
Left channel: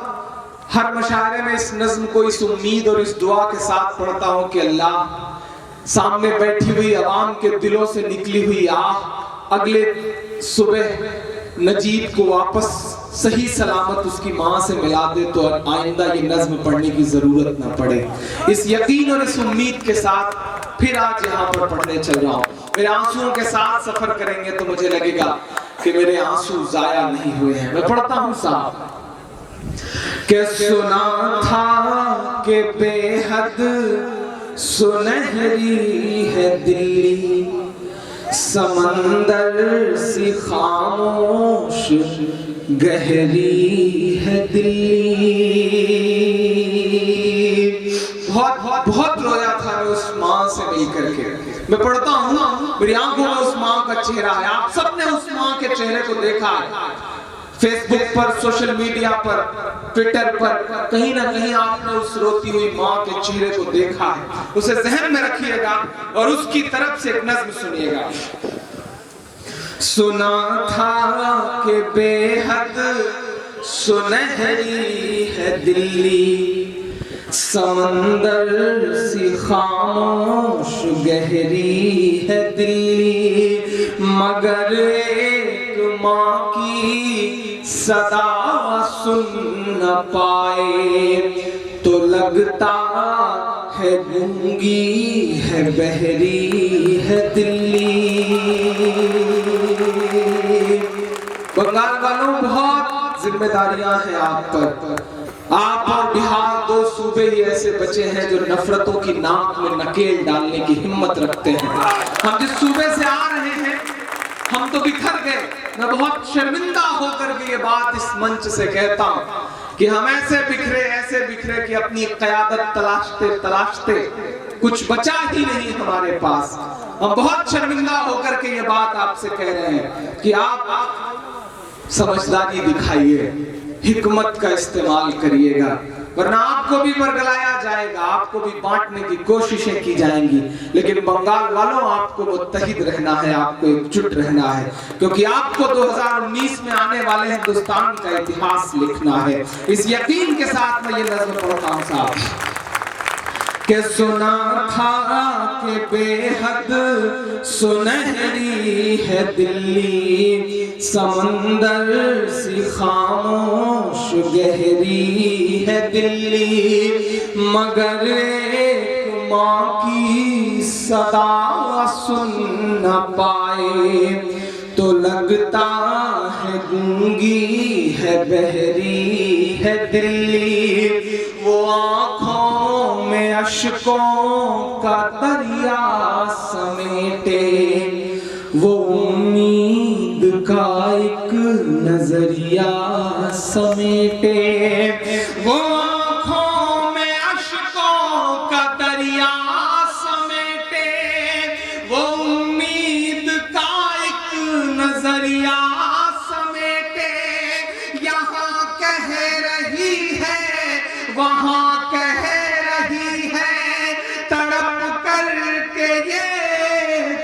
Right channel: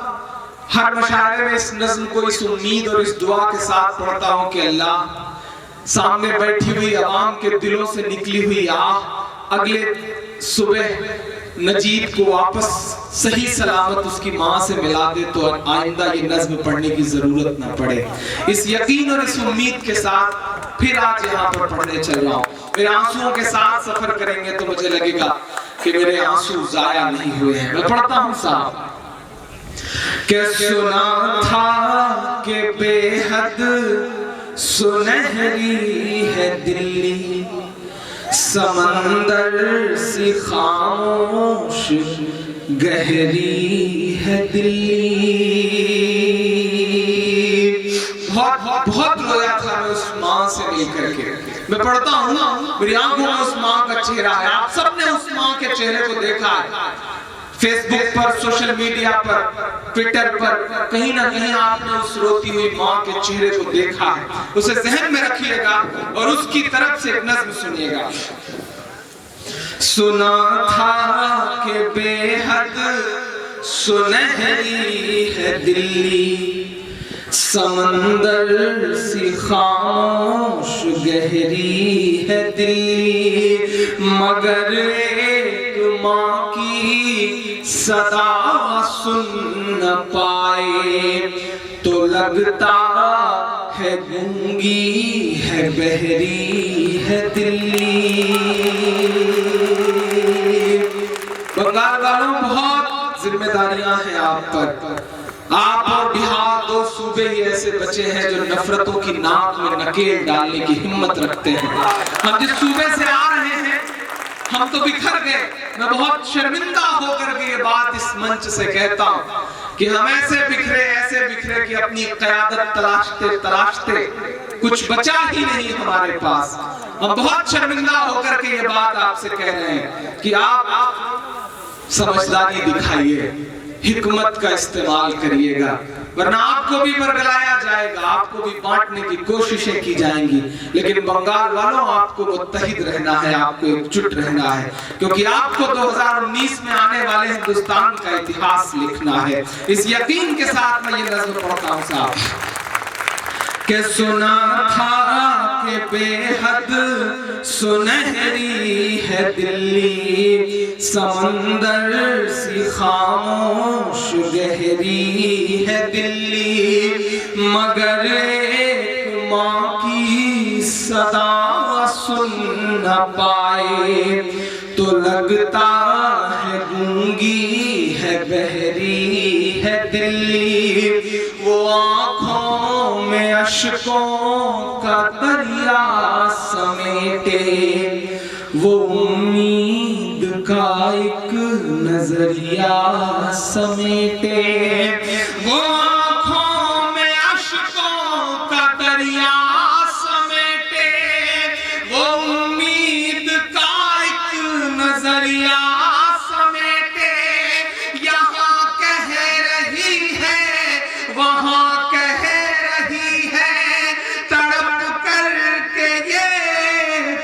हर मुशायरे में इस नज्म को इस उम्मीद और इस दुआ के साथ पढ़ता हूँ कि अल्लाह सामने बैठी हुई अवाम के दिलों से निकली हुई आह अगले सुबह नजीब को वापस सही सलामत उसकी माँ से मिला दे, तो आइंदा ये नज्म पढ़ने की जरूरत ना पड़े। इस यकीन और इस उम्मीद के साथ फिर आज यहाँ पर पढ़ने चल रहा हूँ। मेरे आंसुओं के साथ सफर करेंगे तो मुझे लगेगा कि मेरे आंसू जाया नहीं हुए हैं। मैं पढ़ता हूँ साहब। कि सुना था कि बेहद सुनहरी है दिल्ली, समंदर सी खामोश गहरी है दिल्ली। बहुत रोया था मैं उस माँ से मिलकर के। मैं पढ़ता हूँ, मेरी आंखों में उस माँ का चेहरा है। आप सबने उस माँ के चेहरे को देखा है, फेसबुक पर, सोशल मीडिया पर, ट्विटर पर, कहीं ना कहीं आपने उस रोती हुई माँ के चेहरे को देखा है। उसे ज़हन में रखिएगा और उसकी तरफ से एक नज़्म सुनिएगा। सुना था कि बेहद सुनहरी है दिल्ली, समंदर सी खामोश गहरी है दिल्ली, मगर एक माँ की सदा सुन न पाए तो लगता है गूंगी है बहरी है दिल्ली। बंगाल वालों, बहुत जिम्मेदारियां हैं आप पर। आप और बिहार दो सूबे ही ऐसे बचे हैं जो नफरतों की नाक में नकेल डालने की हिम्मत रखते हैं। हम जिस सूबे से आ रहे हैं हम तो बिखर गए। मैं बहुत शर्मिंदा होकर के ये बात इस मंच से कहता हूँ कि हम ऐसे बिखरे कि अपनी क़यादत तलाशते तलाशते कुछ बचा ही नहीं हमारे पास। हम बहुत शर्मिंदा होकर के ये बात आपसे कह रहे हैं कि आप समझदारी दिखाइए, हिकमत का इस्तेमाल करिएगा, वरना आपको भी बरगलाया जाएगा, आपको भी बांटने की कोशिशें की जाएंगी। लेकिन बंगाल वालों, आपको मुत्तहिद रहना है, आपको एकजुट रहना है, क्योंकि आपको 2019 में आने वाले हिंदुस्तान का इतिहास लिखना है। इस यकीन के साथ मैं ये नज़्म पढ़ता हूँ साहब। कि सुना था कि बेहद सुनहरी है दिल्ली, समंदर सी खामोश गहरी है दिल्ली, मगर एक माँ की सदा सुन न पाए तो लगता है गूंगी है बहरी है दिल्ली। वो आँखों में अश्कों का दरिया समेटे, वो उम्मीद का एक नजरिया समेटे, वो आँखों में अश्कों का दरिया समेटे, वो उम्मीद का एक नजरिया समेटे। यहाँ कह रही है वहाँ कह रही है, तड़प करके ये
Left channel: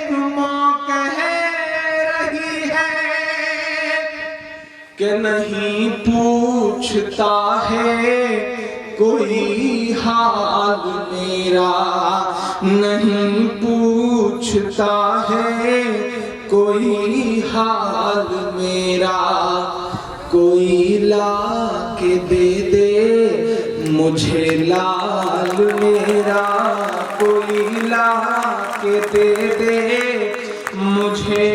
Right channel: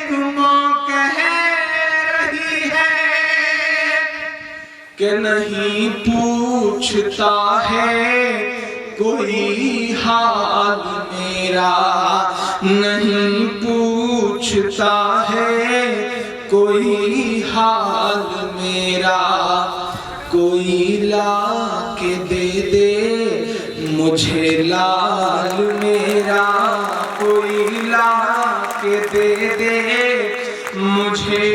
तुम कह रही है कि नहीं पूछता है कोई हाल मेरा, नहीं पूछता है कोई हाल मेरा, कोई ला के दे दे मुझे लाल मेरा, कोई ला के दे दे मुझे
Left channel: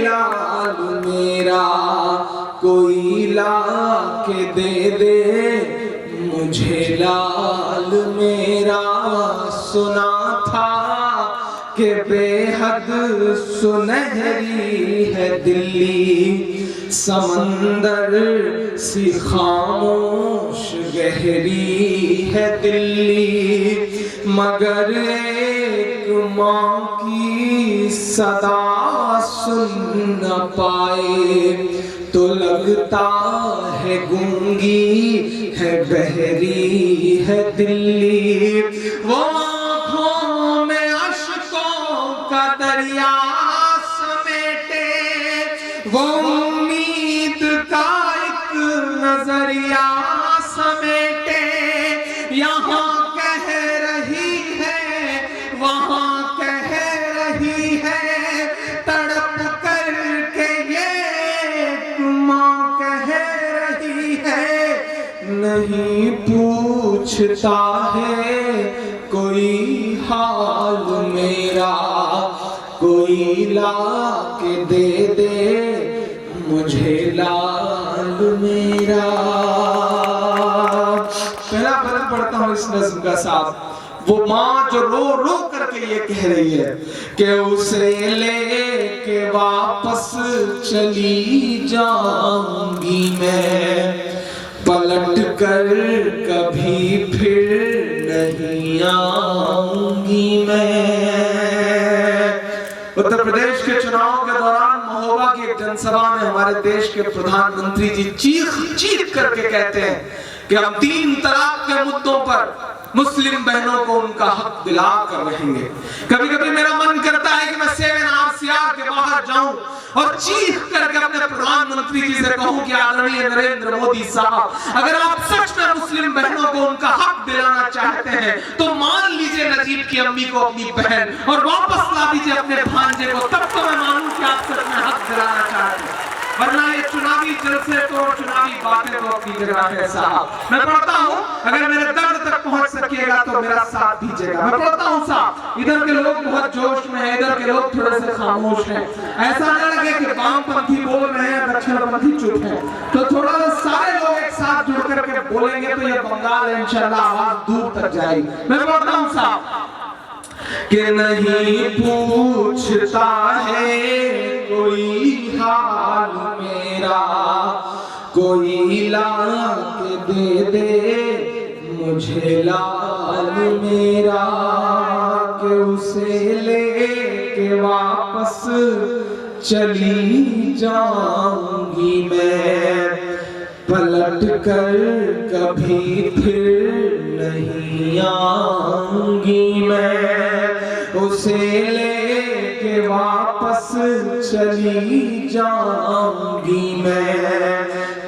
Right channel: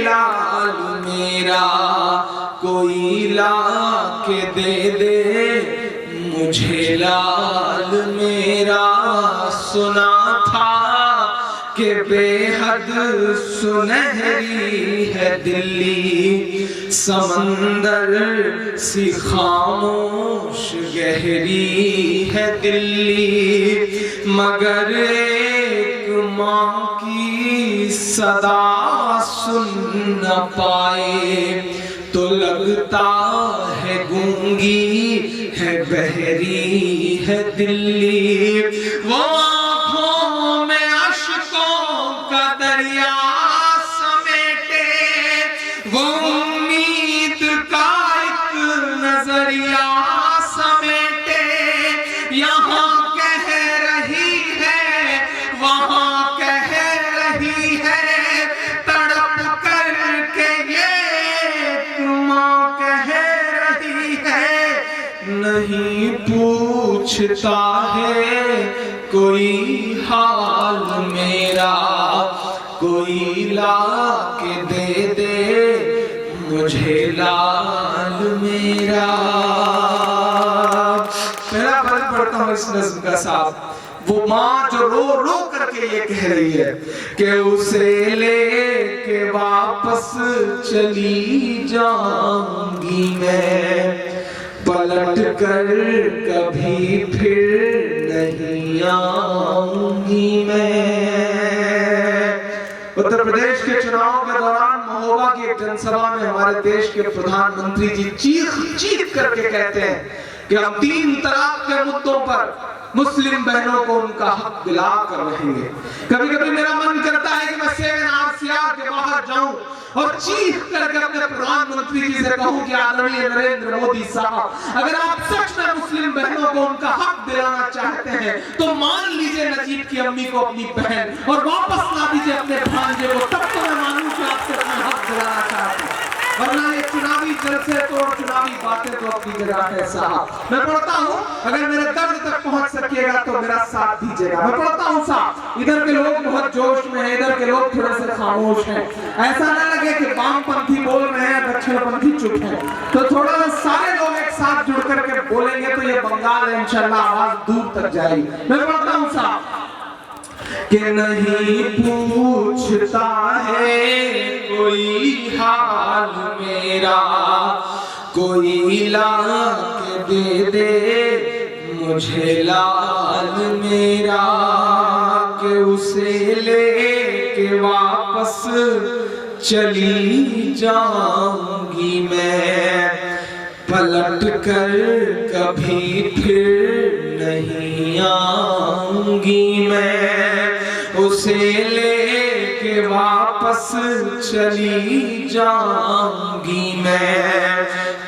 लाल मेरा, कोई ला के दे दे मुझे लाल मेरा। सुना था के बेहद सुनहरी है दिल्ली, समंदर सी खामोश गहरी है दिल्ली, मगर एक माँ की सदा सुन न पाए तो लगता है गूंगी है बहरी है दिल्ली। वो आँखों में अश्कों का दरिया समेटे, वो उम्मीद का एक नजरिया समेटे, यहाँ कह रही है वहाँ कह रही है, तड़प करके ये माँ कह रही है, नहीं पूछता है कोई हाल मेरा, कोई ला के दे दे मुझे लाल मेरा। पहला फर्क पढ़ता हूँ इस नज़्म का साहब। वो माँ जो रो रो करके ये कह रही है कि उसे लेके वापस चली जाऊंगी मैं, पलट कर कभी फिर नहीं आऊंगी मैं। उत्तर प्रदेश के चुनाव के दौरान महोबा की एक जनसभा में हमारे देश के प्रधानमंत्री जी चीख चीख करके कहते हैं कि हम 3 तलाक के मुद्दों पर मुस्लिम बहनों को उनका हक दिला कर रहेंगे। कभी कभी मेरा मन करता है कि मैं 7RCR के बाहर जाऊं और चीख करके अपने प्रधानमंत्री जी से कहूं कि आदरणीय नरेंद्र मोदी साहब, अगर आप सच में मुस्लिम बहनों को उनका हक दिलाना चाहते हैं तो मान लीजिए नजीब की अम्मी को अपनी बहन और वापस ला दीजिए अपने भांजे को, तब तो मैं मानूं कि आप सच में हक दिलाना चाहते हैं। वरना ये चुनावी जलसे तो और चुनावी बातें तो अपनी जगह है साहब। मैं पढ़ता हूँ, अगर मेरे दर्द तक पहुंच सकेगा तो मेरा साथ दीजिएगा। मैं पढ़ता हूँ साहब, इधर के लोग बहुत जोश में हैं, इधर के लोग थोड़े से खामोश हैं। ऐसा न लगे कि वामपंथी बोल रहे हैं दक्षिणपंथी चुप हैं, तो थोड़ा सा सारे लोग एक साथ जुड़ करके बोलेंगे तो ये बंगाल इंशाल्लाह आवाज दूर तक जाएगी। मैं पढ़ता हूँ साहब कि नहीं पूछता है कोई हाल मेरा, कोई ला के दे दे मुझे लाल मेरा, कि उसे लेके वापस चली जाऊंगी मैं, पलट कर कभी फिर नहीं आऊंगी मैं, उसे लेके वापस चली जाऊंगी मैं,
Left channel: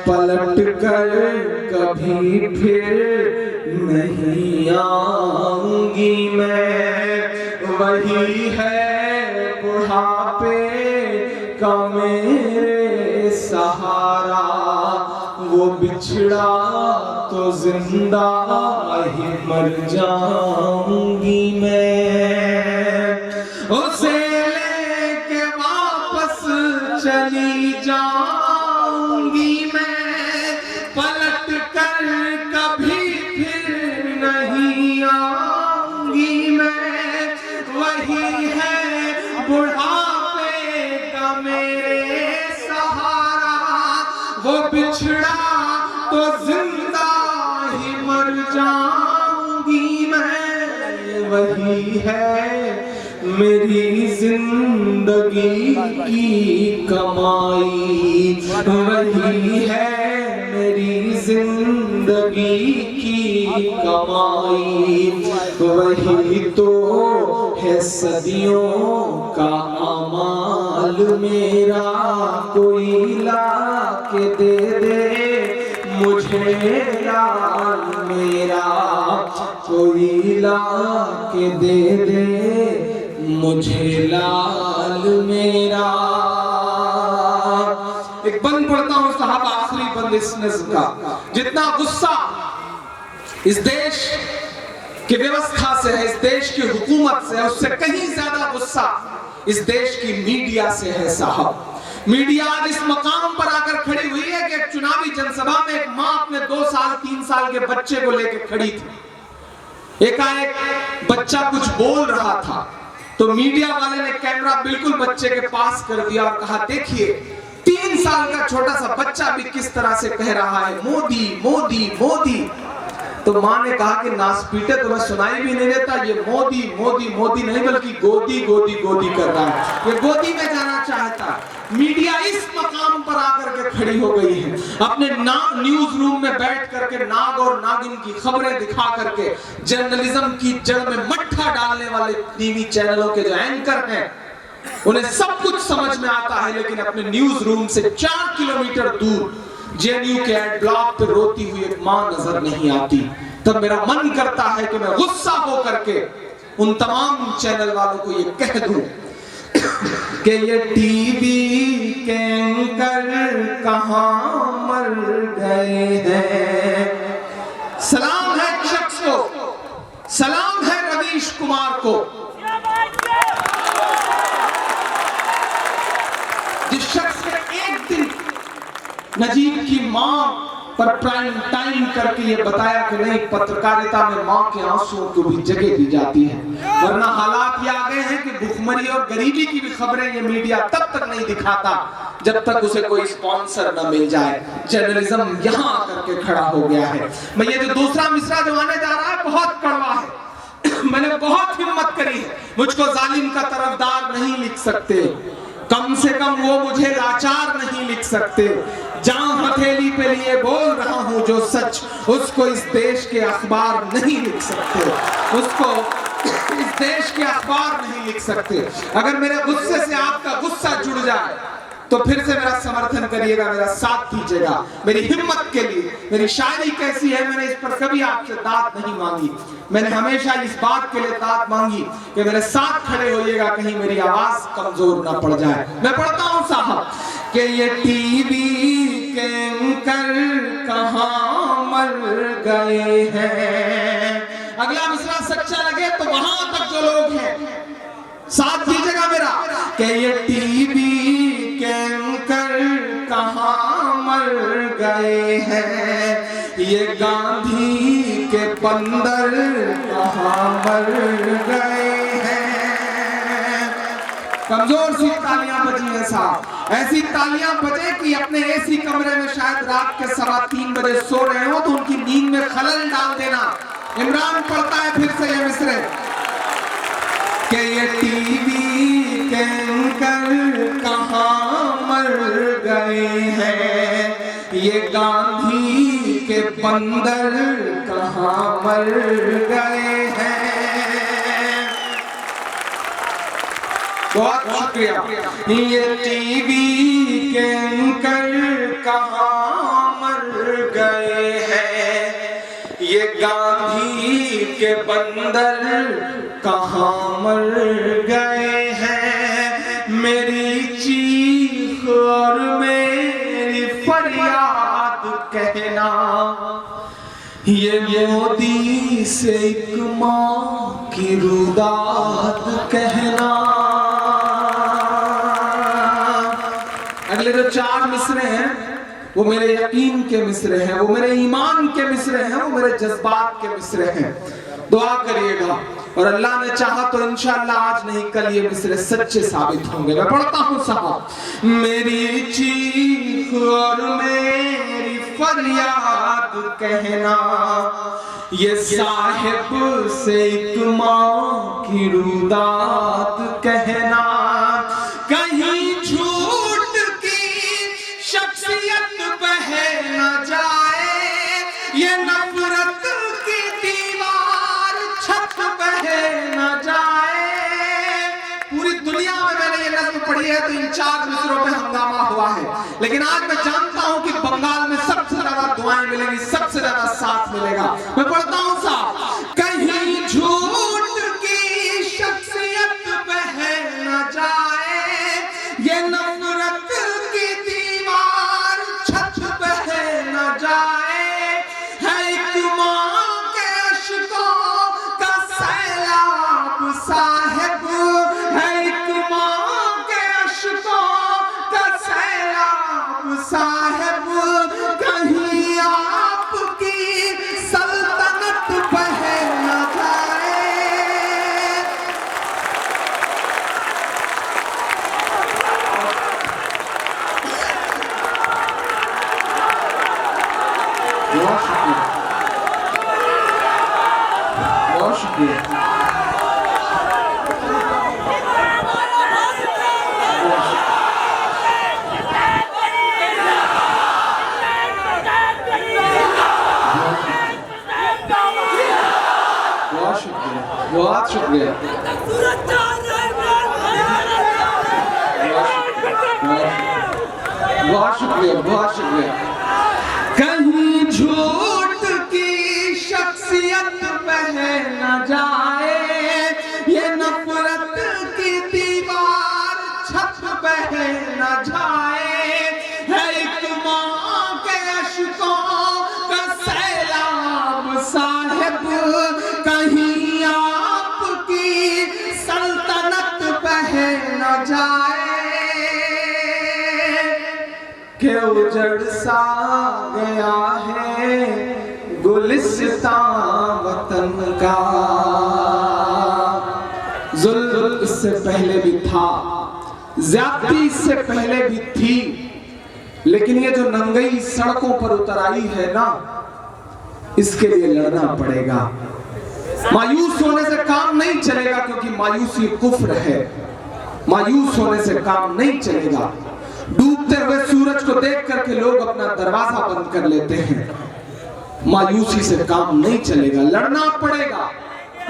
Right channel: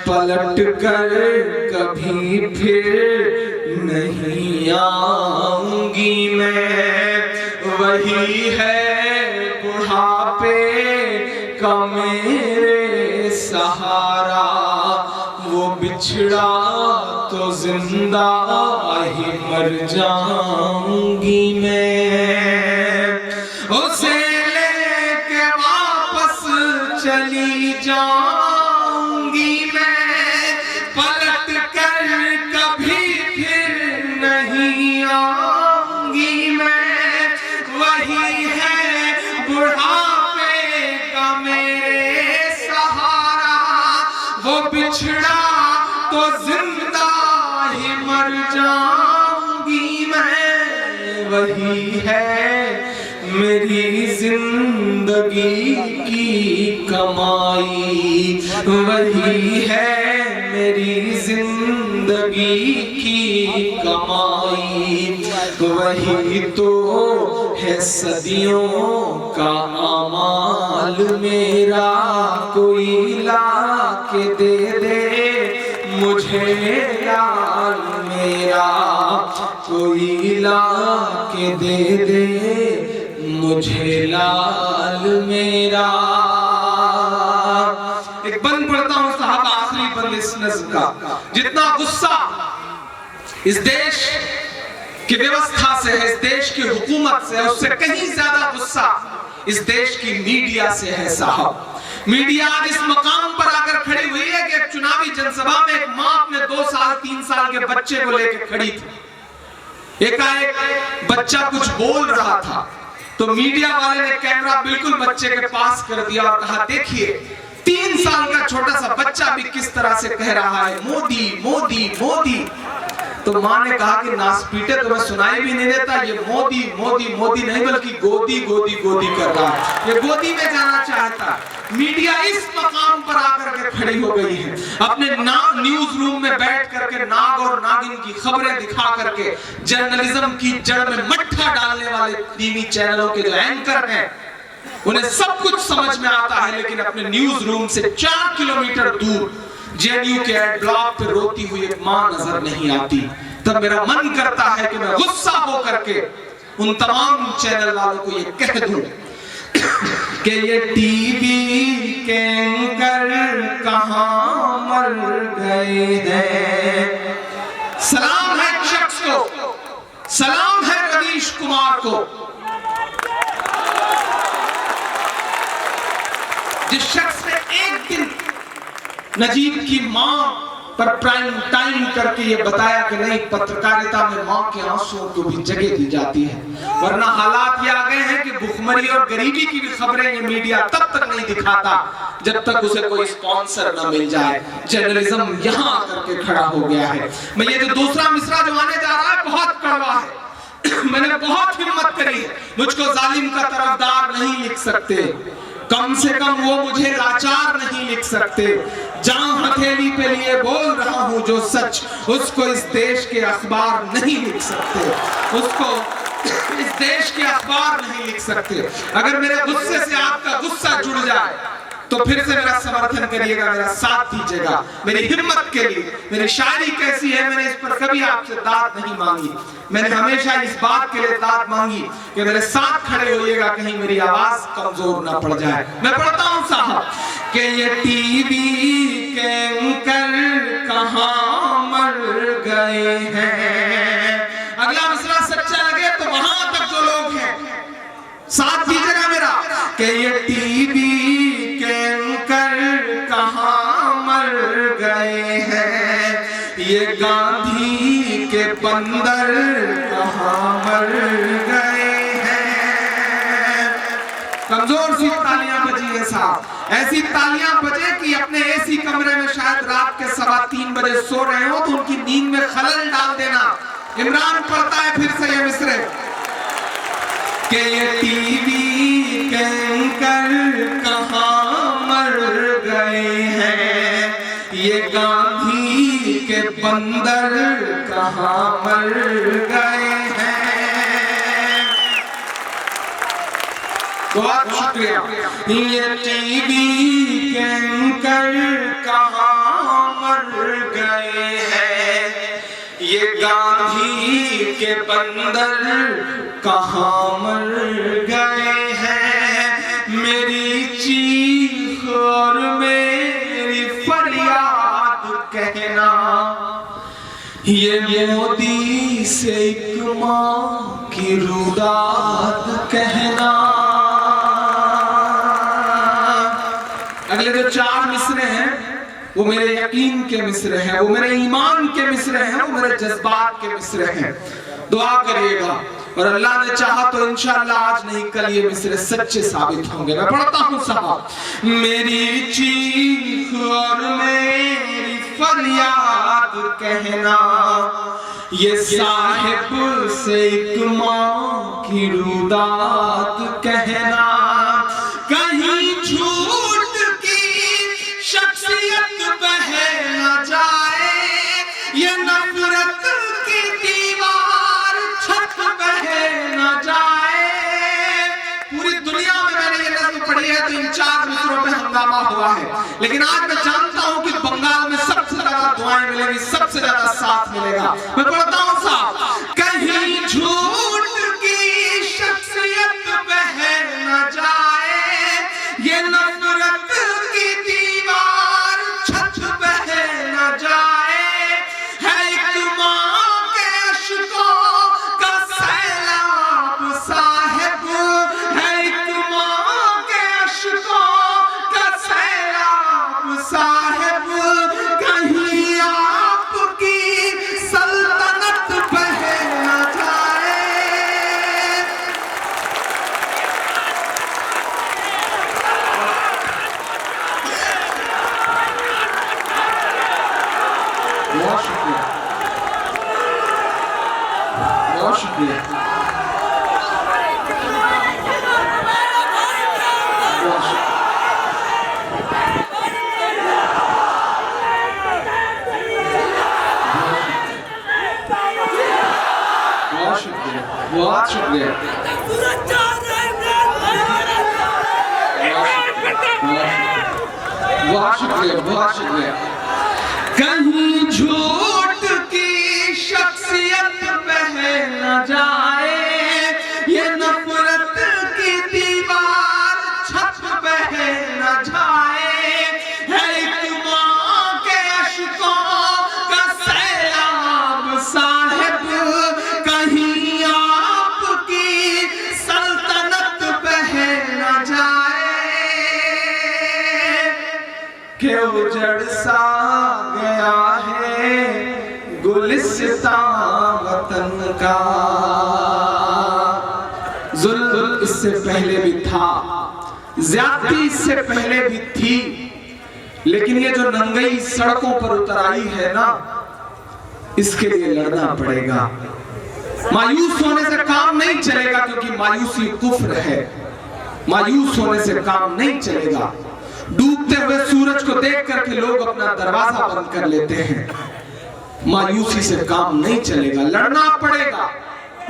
पलट कर कभी फिर नहीं आऊंगी मैं। वही है बुढ़ापे का मेरे सहारा, वो बिछड़ा तो जिंदा ही मर जाऊंगी मैं, उसे लेके वापस चली जाऊंगी मैं, पलट कर कभी फिर नहीं आऊंगी मैं। वही है बुढ़ापे का मेरे सहारा, वो बिछड़ा तो जिंदा ही मर जाऊंगी मैं। वही है मेरी जिंदगी की कमाई, वही है मेरी जिंदगी की कमाई, वही तो है सदियों का अमाल मेरा, कोई ला के दे दे मुझे लाल मेरा, कोई ला के दे दे मुझे लाल मेरा। एक बंद पढ़ता हूं साहब, आखिरी बंद इस नज़्म का। जितना गुस्सा इस देश की व्यवस्था से है, इस देश की हुकूमत से है, उससे कहीं ज्यादा गुस्सा इस देश की मीडिया से है साहब। मीडिया आज इस मकाम पर आकर खड़ी हुई है कि एक चुनावी जनसभा में एक मां अपने 2 साल 3 साल के बच्चे को लेकर खड़ी थी। एकाएक बच्चा कुछ बोल रहा था, तो मीडिया वाले ने कैमरा बिल्कुल बच्चे के पास कर दिया और कहा देखिए 3 साल का छोटा सा बच्चा भी किस तरह से कह रहा है मोदी मोदी मोदी। तो माँ ने कहा कि नासपीटे तुम्हें सुनाई भी नहीं देता, ये मोदी मोदी मोदी नहीं बल्कि गोदी गोदी गोदी कर रहा है, ये गोदी में जाना चाहता। मीडिया इस मकाम पर आकर के खड़ी हो गई है, अपने न्यूज रूम में बैठ करके नाग और नागिन की खबरें दिखा करके जर्नलिज्म की जड़ में मट्ठा डालने वाले टीवी चैनलों के जो एंकर हैं उन्हें सब कुछ समझ में आता है, लेकिन अपने न्यूज रूम से 4 किलोमीटर दूर जेएनयू के एड ब्लॉक पे रोती हुई एक मां नजर नहीं आती। तब मेरा मन करता है कि मैं गुस्सा हो करके उन तमाम चैनल वालों को ये कह दूं कि ये टीवी के एंकर कहां मर गए हैं। सलाम है एक शख्स को, सलाम है रवीश कुमार को, जिस शख्स ने एक दिन नजीब की मां पर प्राइम टाइम करके ये बताया कि नहीं, पत्रकारिता में मां के आंसुओं को भी जगह दी जाती है, वरना हालात ये आ गए हैं कि भुखमरी और गरीबी की भी खबरें ये मीडिया तब तक नहीं दिखाता जब तक उसे कोई स्पॉन्सर न मिल जाए। जर्नलिज्म यहां आकर के खड़ा हो गया है। मैं ये जो दूसरा मिसरा जो आने जा रहा है बहुत कड़वा है मैंने बहुत हिम्मत करी है, मुझको जालिम का तरफदार नहीं लिख सकते, कम से कम वो मुझे लाचार नहीं लिख सकते। जहां हथेली पे लिए बोल रहा हूं जो सच, उसको इस देश के अखबार नहीं लिख सकते, उसको इस देश के अखबार नहीं लिख सकते। अगर मेरे गुस्से से आपका गुस्सा जुड़ जाए तो फिर से मेरा समर्थन करिएगा, मेरा साथ दीजिएगा, मेरी हिम्मत के लिए। मेरी शायरी कैसी है, मैंने इस पर कभी आपसे दाद नहीं मांगी, मैंने हमेशा इस बात के लिए दाद मांगी कि मेरे साथ खड़े होइएगा, कहीं मेरी आवाज कमजोर ना पड़ जाए। मैं पढ़ता हूं साहब कि ये टीवी के एंकर कहां मर गए हैं। अगला मिसरा सच्चा लगे तो वहां तक जो लोग हैं साथ दीजिएगा मेरा कि ये टीवी के एंकर कहां मर गए हैं, ये गांधी के बंदर कहां मर गए हैं। कमजोर सी तालियां बजी है साहब, ऐसी तालियां बजे कि अपने एसी कमरे में शायद रात के 3:15 बजे सो रहे हो तो उनकी नींद में खलल डाल देना। इमरान पढ़ता है फिर से ये मिसरे कि ये टीवी के एंकर कहां मर गए हैं, ये गांधी के बंदर कहां मर गए हैं। बहुत शुक्रिया। ये टीवी के एंकर कहां मर गए हैं, ये गांधी के बंदर कहां मर गए हैं। मेरी चीख और मेरी फरियाद कहना, ये मोदी से एक मां की रुदाद कहना। अगले जो 4 मिसरे हैं वो मेरे यकीन के मिसरे हैं, वो मेरे ईमान के मिसरे हैं, वो मेरे जज्बात के मिसरे हैं। दुआ करिएगा और अल्लाह ने चाहा तो इंशाअल्लाह आज नहीं कल ये मिसरे सच्चे साबित होंगे। मैं पढ़ता हूं साहब, मेरी चीख और मेरी फरियाद कहना, ये साहिब से एक मां की रुदाद कहना। कहीं झूठ की शख्सियत बह न जाए, ये नफरत की दीवार छत बह न जाए। पूरी दुनिया में मैंने ये नज़्म पढ़ी है तो इन 4 मिसरों पे हंगामा हुआ है, लेकिन आज मैं जानता हूं कि बंगाल में सबसे ज्यादा दुआएं मिलेंगी, सबसे ज्यादा साथ मिलेगा। मैं पढ़ता हूं साहब, कहीं झूठ की शख्सियत बह न जाए, ये नफरत की दीवार छत बह न जाए। है एक मां के अश्कों का सैलाब साहिब, है एक मां के अश्कों का सैलाब साहिब। कहीं आपकी सल्तनत बह न जाए। बहुत शुक्रिया। बहुत शुक्रिया, बहुत शुक्रिया, बहुत शुक्रिया, बहुत शुक्रिया। कहीं झूठ की शख्सियत बह न जाए, ये नफरत की दीवार छत बह न जाए, है एक माँ के अश्कों का सैलाब साहिब, कहीं आपकी सल्तनत बह न जाए, के उजड़ सा गया है गुलिस्तां वतन का। जुल्म इससे पहले भी था, ज्यादती इससे पहले भी थी, लेकिन ये जो नंगई सड़कों पर उतर आई है ना, इसके लिए लड़ना पड़ेगा। मायूस होने से काम नहीं चलेगा, क्योंकि मायूसी कुफ्र है। मायूस होने से काम नहीं चलेगा। डूबते हुए सूरज को देख करके लोग अपना दरवाजा बंद कर लेते हैं। मायूसी से काम नहीं चलेगा, लड़ना पड़ेगा,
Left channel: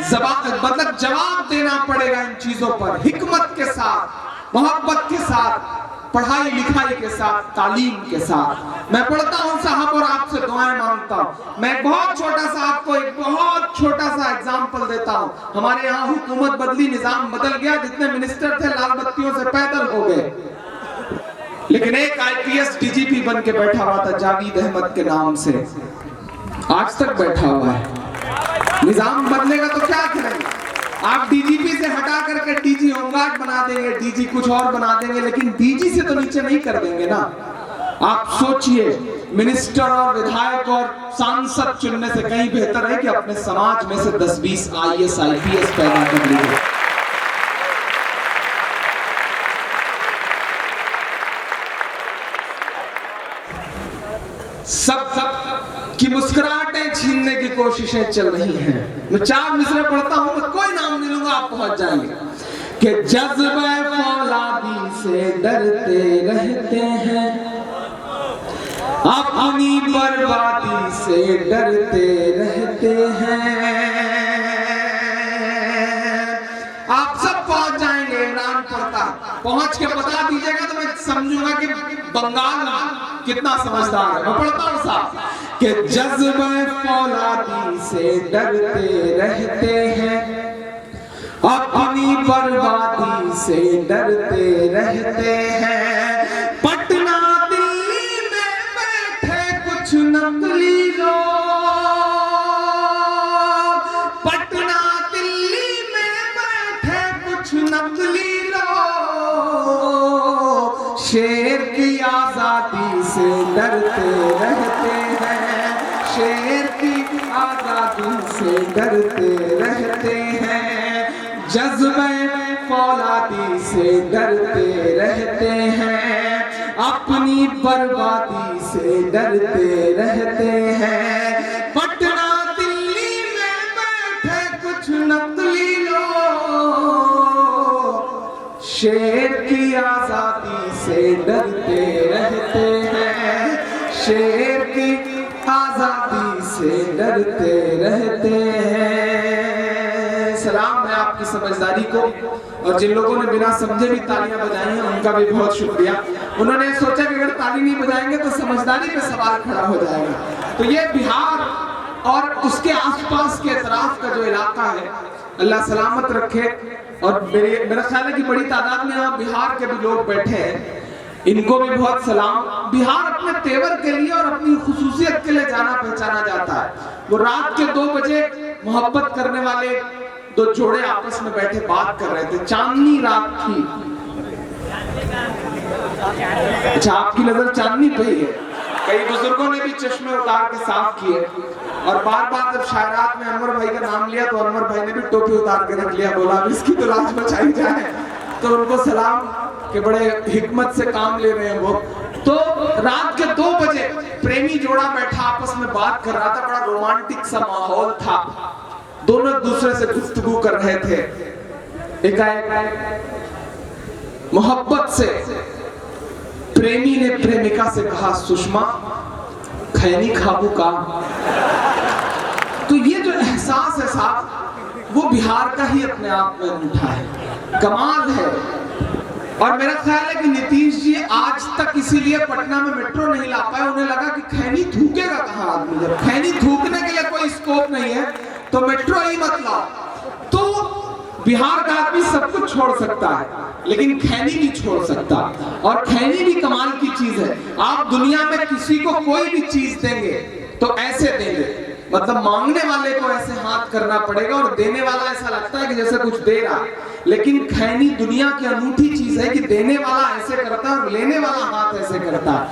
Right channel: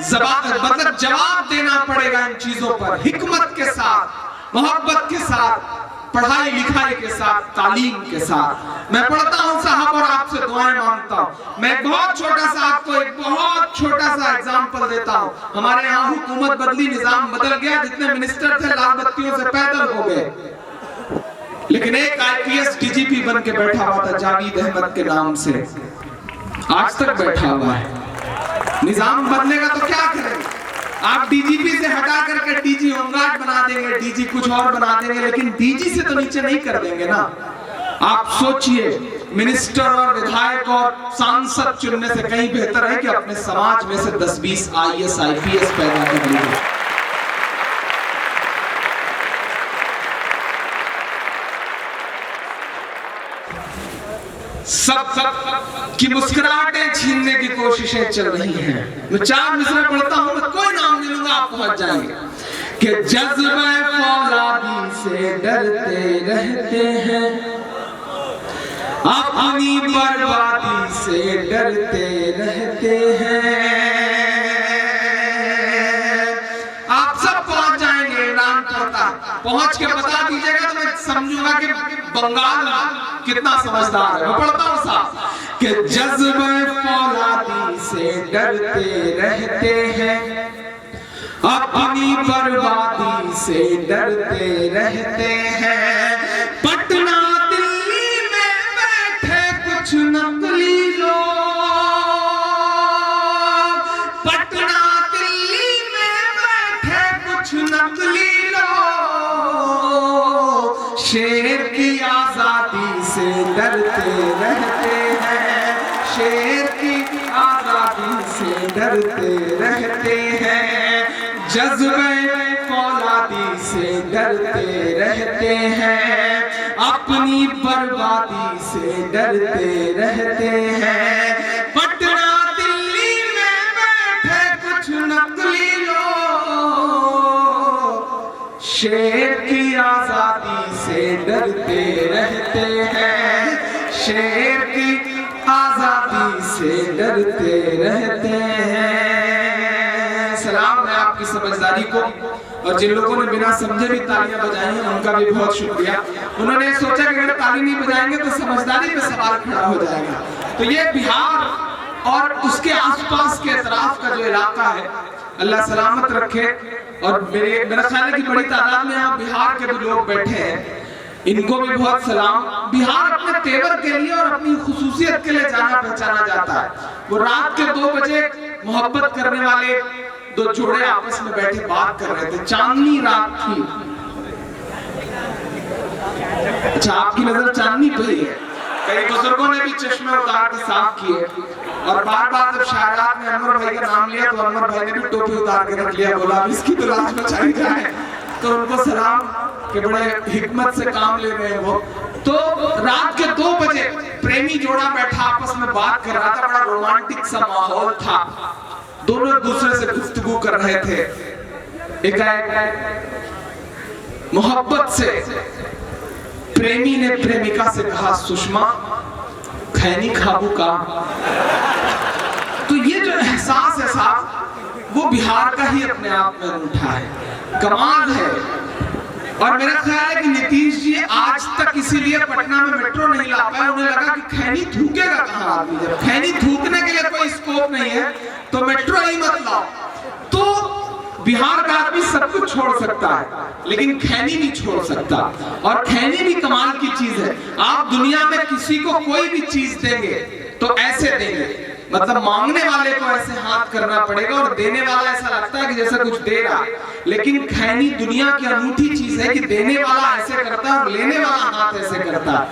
मतलब जवाब देना पड़ेगा इन चीजों पर, हिकमत के साथ, मोहब्बत के साथ, पढ़ाई लिखाई के साथ, तालीम के साथ। मैं पढ़ता हूं साहब और आपसे दुआएं मांगता हूं। मैं बहुत छोटा सा आपको एक बहुत छोटा सा एग्जाम्पल देता हूं। हमारे यहाँ हुकूमत बदली, निजाम बदल गया, जितने मिनिस्टर थे लाल बत्तियों से पैदल हो गए, लेकिन एक आईपीएस डीजीपी बन के बैठा हुआ था जावेद अहमद के नाम से, आज तक बैठा हुआ है। निजाम बदलेगा तो क्या करेंगे? आप डीजीपी से हटा करके डीजी होमगार्ड बना देंगे, डीजी कुछ और बना देंगे, लेकिन डीजी से तो नीचे नहीं कर देंगे ना। आप सोचिए, मिनिस्टर और विधायक और सांसद चुनने से कहीं बेहतर है कि अपने समाज में से 10-20 आईएएस आईपीएस पैदा कर लीजिए। सब की मुस्कुराहटें छीनने की कोशिशें चल रही हैं। मैं 4 मिसरे पढ़ता हूं, मैं कोई नाम नहीं लूंगा, आप पहुंच जाएंगे। कि जज्बे फौलादी से डरते रहते हैं, अपनी बर्बादी से डरते रहते हैं। आप सब पहुंच जाएंगे, ईरान पड़ता है, पहुंच के बता दीजिएगा तो मैं समझूंगा कि बंगाल कितना समझदार है। मैं पढ़ता हूं साहब कि जज्बे फौलादी से डरते रहते हैं, अपनी बर्बादी से डरते रहते हैं। पटना दिल्ली में बैठे कुछ नकली लोग, पटना दिल्ली में बैठे कुछ नकली लोग, शेर की आजादी से डरते रहते हैं, शेर की आजादी से डरते रहते हैं। जज्बे फौलादी से डरते रहते हैं, अपनी बर्बादी से डरते रहते हैं। पटना दिल्ली में बैठे कुछ नकली लोग, शेर की आजादी से डरते रहते हैं, शेर की आजादी से डरते रहते हैं। सलाम है आपकी समझदारी को, और जिन लोगों ने बिना समझे भी तालियां बजाई हैं उनका भी बहुत शुक्रिया। उन्होंने सोचा कि अगर ताली नहीं बजाएंगे तो समझदारी पे सवाल खड़ा हो जाएगा। तो ये बिहार और उसके आसपास के अतराफ का जो इलाका है, अल्लाह सलामत रखे। और मेरा ख्याल है कि बड़ी तादाद में यहाँ बिहार के भी लोग बैठे हैं, इनको भी बहुत सलाम। बिहार अपने तेवर के लिए और अपनी खुसूसियत के लिए जाना पहचाना जाता है। वो रात के 2 बजे मोहब्बत करने वाले 2 जोड़े आपस में बैठे बात कर रहे थे, चांदनी रात थी। अच्छा, आपकी नजर चांदनी पे ही है। कई बुजुर्गों ने भी चश्मे उतार के साफ किए, और बार बार जब शायरात में अनवर भाई का नाम लिया तो अनवर भाई ने भी टोपी उतार के रख लिया, बोला अब इसकी तो लाश बचाई जाए। तो उनको सलाम कि बड़े हिकमत से काम ले रहे हैं वो। तो रात के 2 बजे प्रेमी जोड़ा बैठा आपस में बात कर रहा था, बड़ा रोमांटिक सा माहौल था। दोनों एक दूसरे से गुफ्तगू कर रहे थे। एकाएक मोहब्बत से प्रेमी ने प्रेमिका से कहा, सुषमा खैनी खाबू का। तो ये जो एहसास है साहब, वो बिहार का ही अपने आप में उठा है, कमाल है। और मेरा ख्याल है कि नीतीश जी आज तक इसीलिए पटना में मेट्रो नहीं ला पाए, उन्हें लगा कि खैनी थूकेगा कहाँ आदमी, जब खैनी थूकने के लिए कोई स्कोप नहीं है तो मेट्रो ही मत लाओ। तो बिहार का आदमी सब कुछ छोड़ सकता है लेकिन खैनी नहीं छोड़ सकता। और खैनी भी कमाल की चीज है। आप दुनिया में किसी को कोई भी चीज देंगे तो ऐसे देंगे, मतलब मांगने वाले को ऐसे हाथ करना पड़ेगा और देने वाला ऐसा लगता है कि जैसे कुछ दे रहा है। लेकिन खैनी दुनिया की अनूठी चीज है कि देने वाला ऐसे करता है और लेने वाला हाथ ऐसे करता है।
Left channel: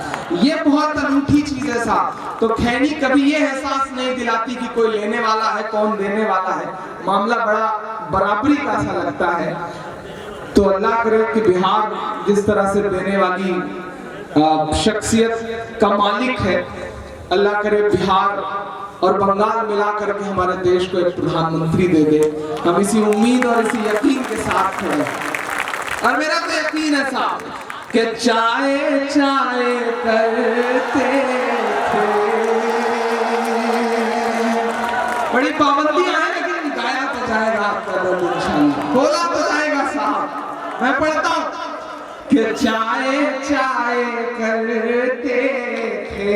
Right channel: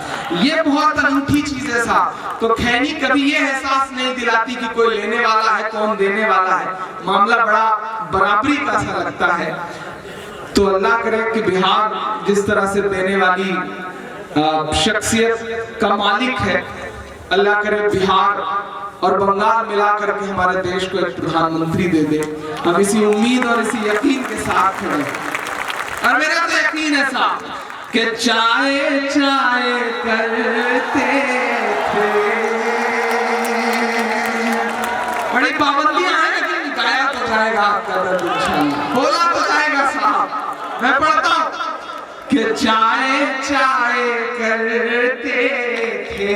ये बहुत अनूठी चीज है साहब। तो खैनी कभी ये एहसास नहीं दिलाती कि कोई लेने वाला है कौन देने वाला है, मामला बड़ा बराबरी का सा लगता है। तो अल्लाह करे कि बिहार जिस तरह से देने वाली शख्सियत का मालिक है, अल्लाह करे बिहार और बंगाल मिला करके हमारे देश को एक प्रधानमंत्री दे दे। हम इसी उम्मीद और इसी यकीन के साथ खड़े हैं। और मेरा तो यकीन है साहब कि चाय चाय करते थे, बड़ी पाबंदियां हैं लेकिन गाया तो जाएगा आपका दर्द इंशाअल्लाह, बोला तो जाएगा साहब। मैं पढ़ता हूं कि चाय चाय करते थे,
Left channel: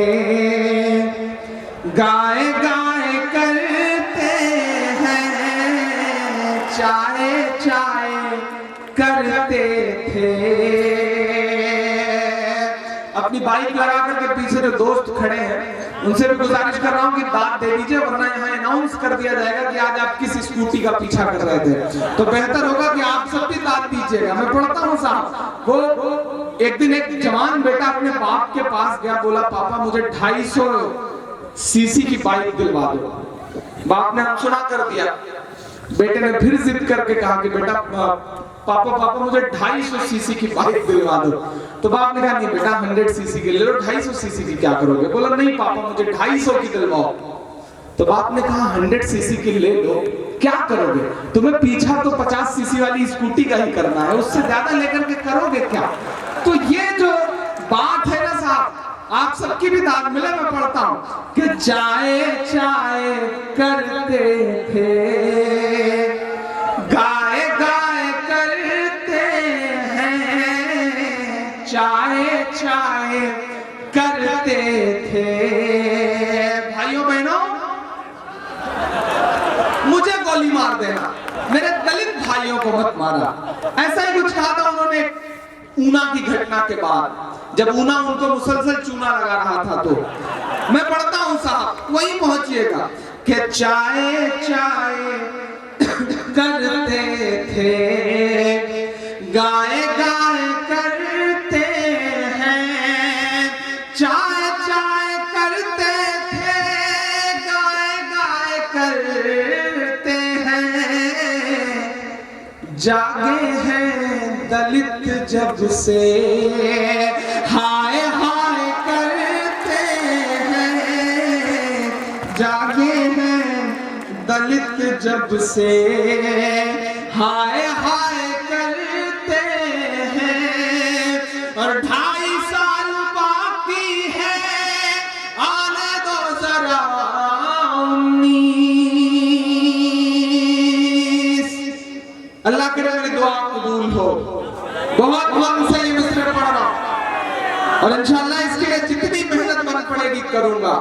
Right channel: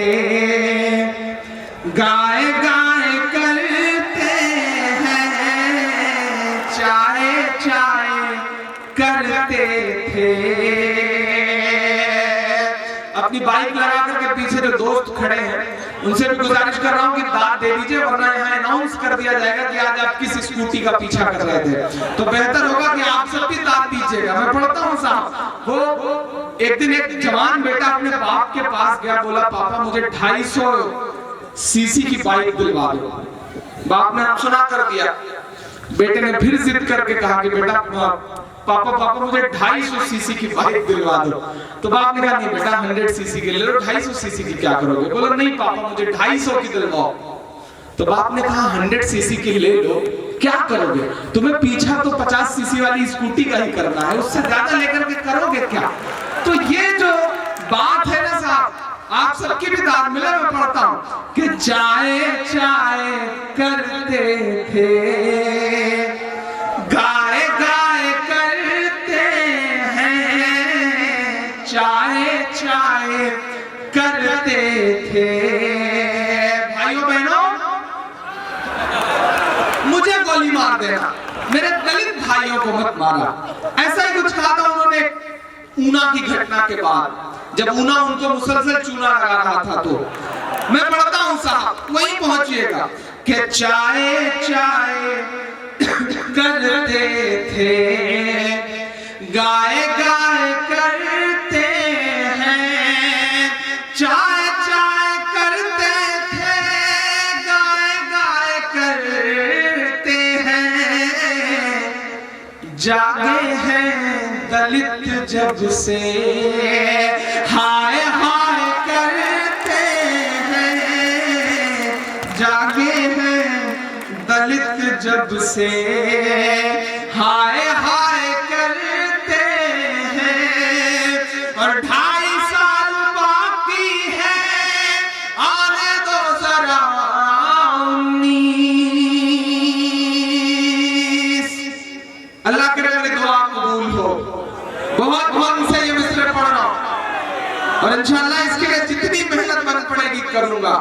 गाय गाय करते हैं, चाय चाय करते थे। अपनी बाइक लगा करके पीछे जो दोस्त खड़े हैं उनसे भी गुजारिश कर रहा हूँ कि दाद दे दीजिए, वरना यहाँ अनाउंस कर दिया जाएगा कि आज आप किस स्कूटी का पीछा कर रहे थे। तो बेहतर होगा कि आप सब भी दाद दीजिएगा। मैं पढ़ता हूँ साहब, वो एक दिन एक जवान बेटा अपने बाप के पास गया, बोला पापा मुझे 250 सीसी की बाइक दिलवा दो। बाप ने सुना कर दिया। बेटे ने फिर जिद करके कहा कि बेटा पापा मुझे 250 सीसी की बाइक दिलवा दो। तो बाप ने कहा नहीं बेटा 100 सीसी की ले लो, 250 सीसी की क्या करोगे? बोला नहीं पापा मुझे 250 की दिलवाओ। तो बाप ने कहा 100 सीसी की ले लो, क्या करोगे? तुम्हें पीछा तो 50 सीसी वाली स्कूटी का ही करना है, उससे ज्यादा लेकर के करोगे क्या? तो ये जो बात है ना साहब, आप सबकी भी दाद मिले। मैं पढ़ता हूं कि चाय चाय करते थे, गाय गाय करते हैं, चाय चाय करते थे। भाइयों बहनों, मुझे गोली मार देना, मेरे दलित भाइयों को मत मारा। ऐसा ही कुछ कहा था उन्होंने ऊना की घटना के बाद, जब ऊना उनको मुसलसल चूना लगा रहा था। तो मैं पढ़ता हूं साहब, वहीं पहुंचिएगा कि चाय चाय करते थे, गाय गाय करते हैं, चाय चाय करते थे, गाय गाय करते हैं, जागे हैं दलित जब से, हाय हाय करते हैं, जागे हैं दलित जब से, हाय हाय करते हैं। और 2.5 साल बाकी है, आने दो जरा 19। अल्लाह करे मेरी दुआ कबूल हो। बहुत मन से ये मिसरे पढ़ रहा हूं और इंशाअल्लाह इसके लिए जितनी मेहनत मन पड़ेगी करूंगा।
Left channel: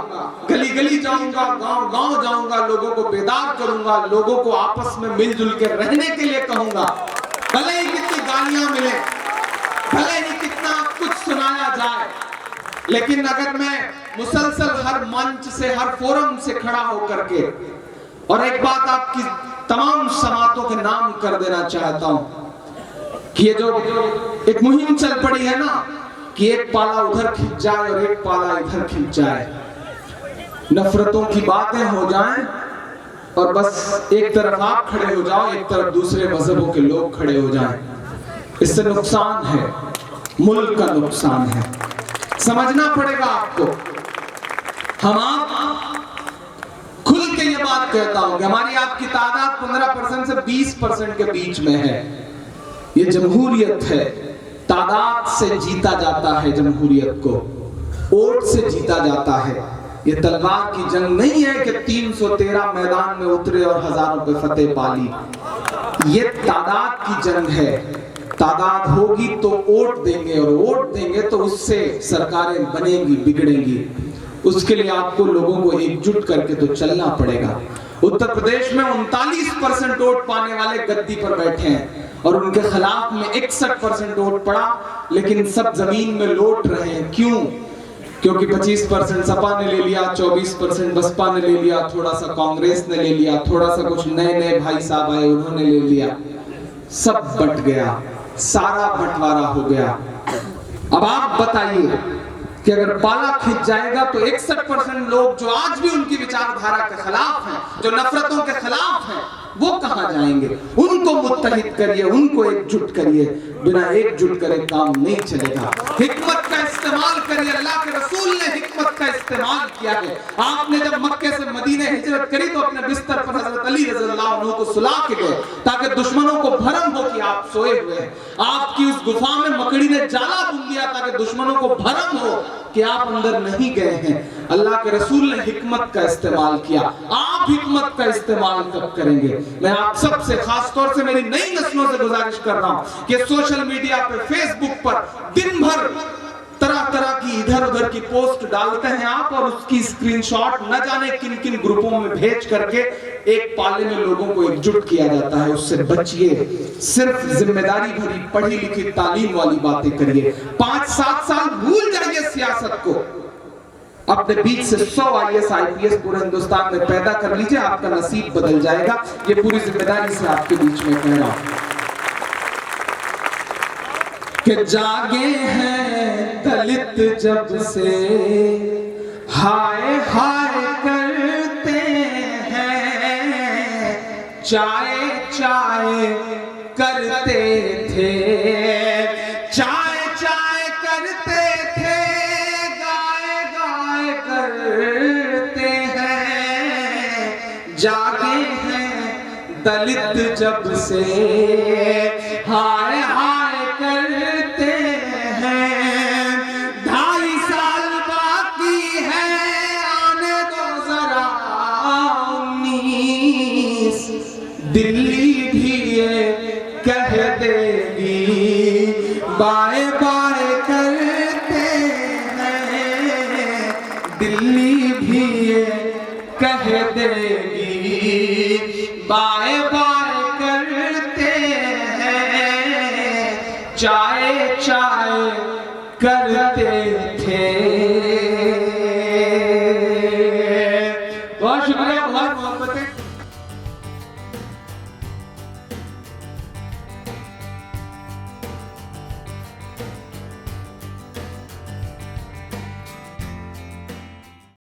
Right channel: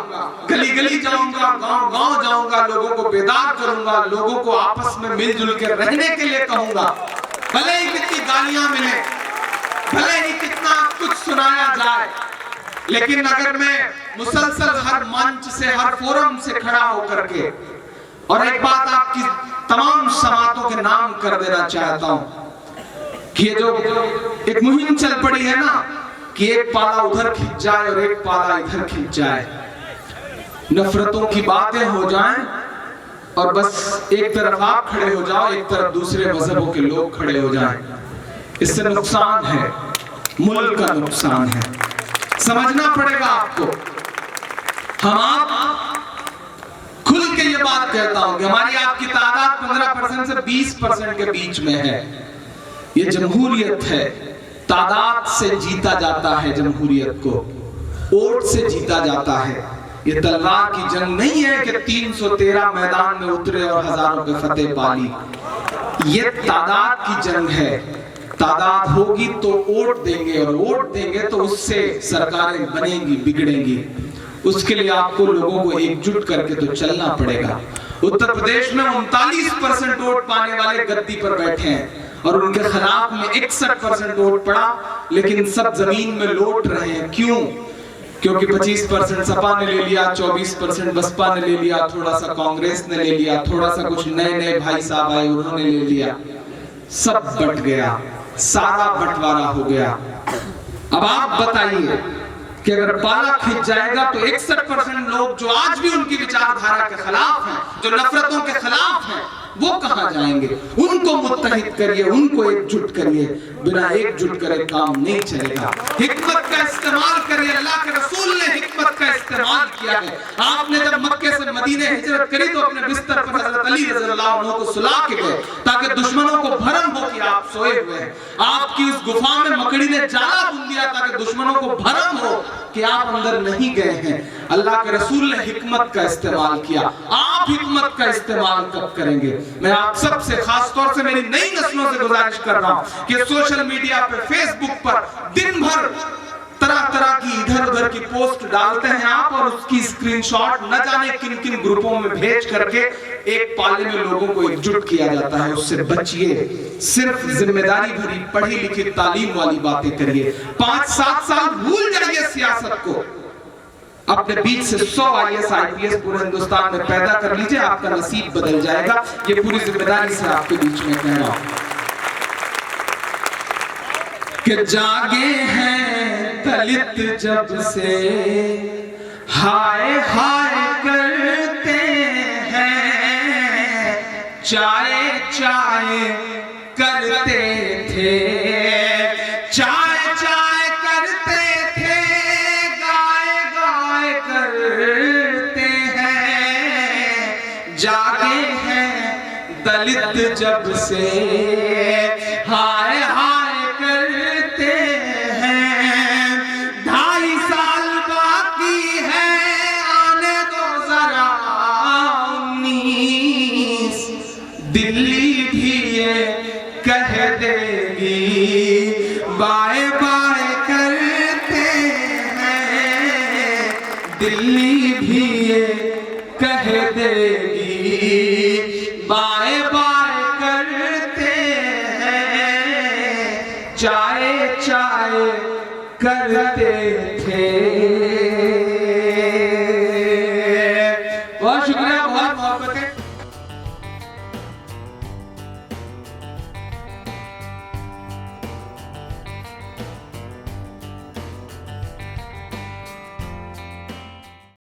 गली गली जाऊंगा, गांव गांव जाऊंगा, लोगों को बेदार करूंगा, लोगों को आपस में मिलजुल के रहने के लिए कहूंगा। भले ही कितनी गालियां मिले, भले ही कितना कुछ सुनाया जाए, लेकिन अगर मैं मुसलसल हर मंच से, हर फोरम से खड़ा होकर के और एक बात आपकी तमाम समातों के नाम कर देना चाहता हूं कि ये जो एक मुहिम चल पड़ी है ना कि एक पाला उधर खिंच जाए और एक पाला इधर खिंच जाए, नफरतों की बातें हो जाएं और बस एक तरफ आप खड़े हो जाओ, एक तरफ दूसरे मजहबों के लोग खड़े हो जाएं, इससे नुकसान है, मुल्क का नुकसान है। समझना पड़ेगा आपको। हम आप खुल के ये बात बात कहता हूं कि हमारी आपकी तादाद 15% से 20% के बीच में है। ये जमहूरियत है, तादाद से जीता जाता है जमहूरियत को, वोट से जीता जाता है। ये तलवार की जंग नहीं है कि 313 मैदान में उतरे और हजारों के फतेह पाली। ये तादाद की जंग है। तादाद होगी तो वोट देंगे, और वोट देंगे तो उससे सरकारें बनेंगी, बिगड़ेंगी। उसके लिए आपको लोगों को एकजुट करके तो चलना पड़ेगा। उत्तर प्रदेश में 39% वोट पाने वाले गद्दी पर बैठे हैं और उनके खिलाफ में 61% वोट पड़ा, लेकिन सब जमीन में लौट रहे हैं। क्यों? क्योंकि 25% सपा ने ले लिया, 24% बसपा ने ले लिया, थोड़ा सा कांग्रेस ने ले लिया, थोड़ा सा कुछ नए नए भाई साहब आए उन्होंने ले लिया। सब बट गया, सारा बंटवारा हो गया। अब आप बताइए कि अगर पाला खिंच जाएगा तो 61% लोग जो आज भी उनकी विचारधारा के खिलाफ हैं, जो नफरतों के खिलाफ हैं, वो कहां जाएंगे? उनको मुत्तहिद करिए, उनको एकजुट करिए। बिना एकजुट करे काम नहीं चलेगा। हिकमत का इस्तेमाल करिए। अल्लाह के रसूल ने हिकमत का इस्तेमाल किया है। आपने जब मक्के से मदीने हिजरत करी तो अपने बिस्तर पर हजरत अली रज़ियल्लाहु अन्हु को सुला के गए ताकि दुश्मनों को भरम हो कि आप सोए हुए हैं। आपकी उस गुफा में मकड़ी ने जाला बुन दिया ताकि दुश्मनों को भरम हो कि आप अंदर नहीं गए हैं। अल्लाह के रसूल ने हिकमत का इस्तेमाल किया। आप हिकमत का इस्तेमाल कब करेंगे? मैं आप सबसे, खास तौर से मेरी नई नस्लों से गुजारिश कर रहा हूं कि सोशल मीडिया पे, फेसबुक पर दिन भर तरह तरह की इधर उधर की पोस्ट डालते हैं आप, और उसकी स्क्रीनशॉट न जाने किन किन ग्रुपों में भेज करके एक पाले में लोगों को एकजुट किया जाता है। उससे बचिए। सिर्फ जिम्मेदारी भरी पढ़ी लिखी तालीम वाली बातें करिए। 5-7 साल भूल जाइए सियासत को। अपने बीच से 100 IAS IPS पूरे हिंदुस्तान में पैदा कर लीजिए, आपका नसीब बदल जाएगा। ये पूरी जिम्मेदारी से आपके बीच में कह रहा हूं कि जागे हैं दलित जब से, हाय हाय करते हैं, चाय चाय करते थे, चाय चाय करते थे, गाय गाय करते हैं। जागे हैं दलित जब से, हाय हाय करते हैं। 2.5 साल बाकी है, आने दो जरा 19। दिल्ली भी ये कह देगी, बाय बाय करते हैं। दिल्ली भी ये कह देगी, बाय बाय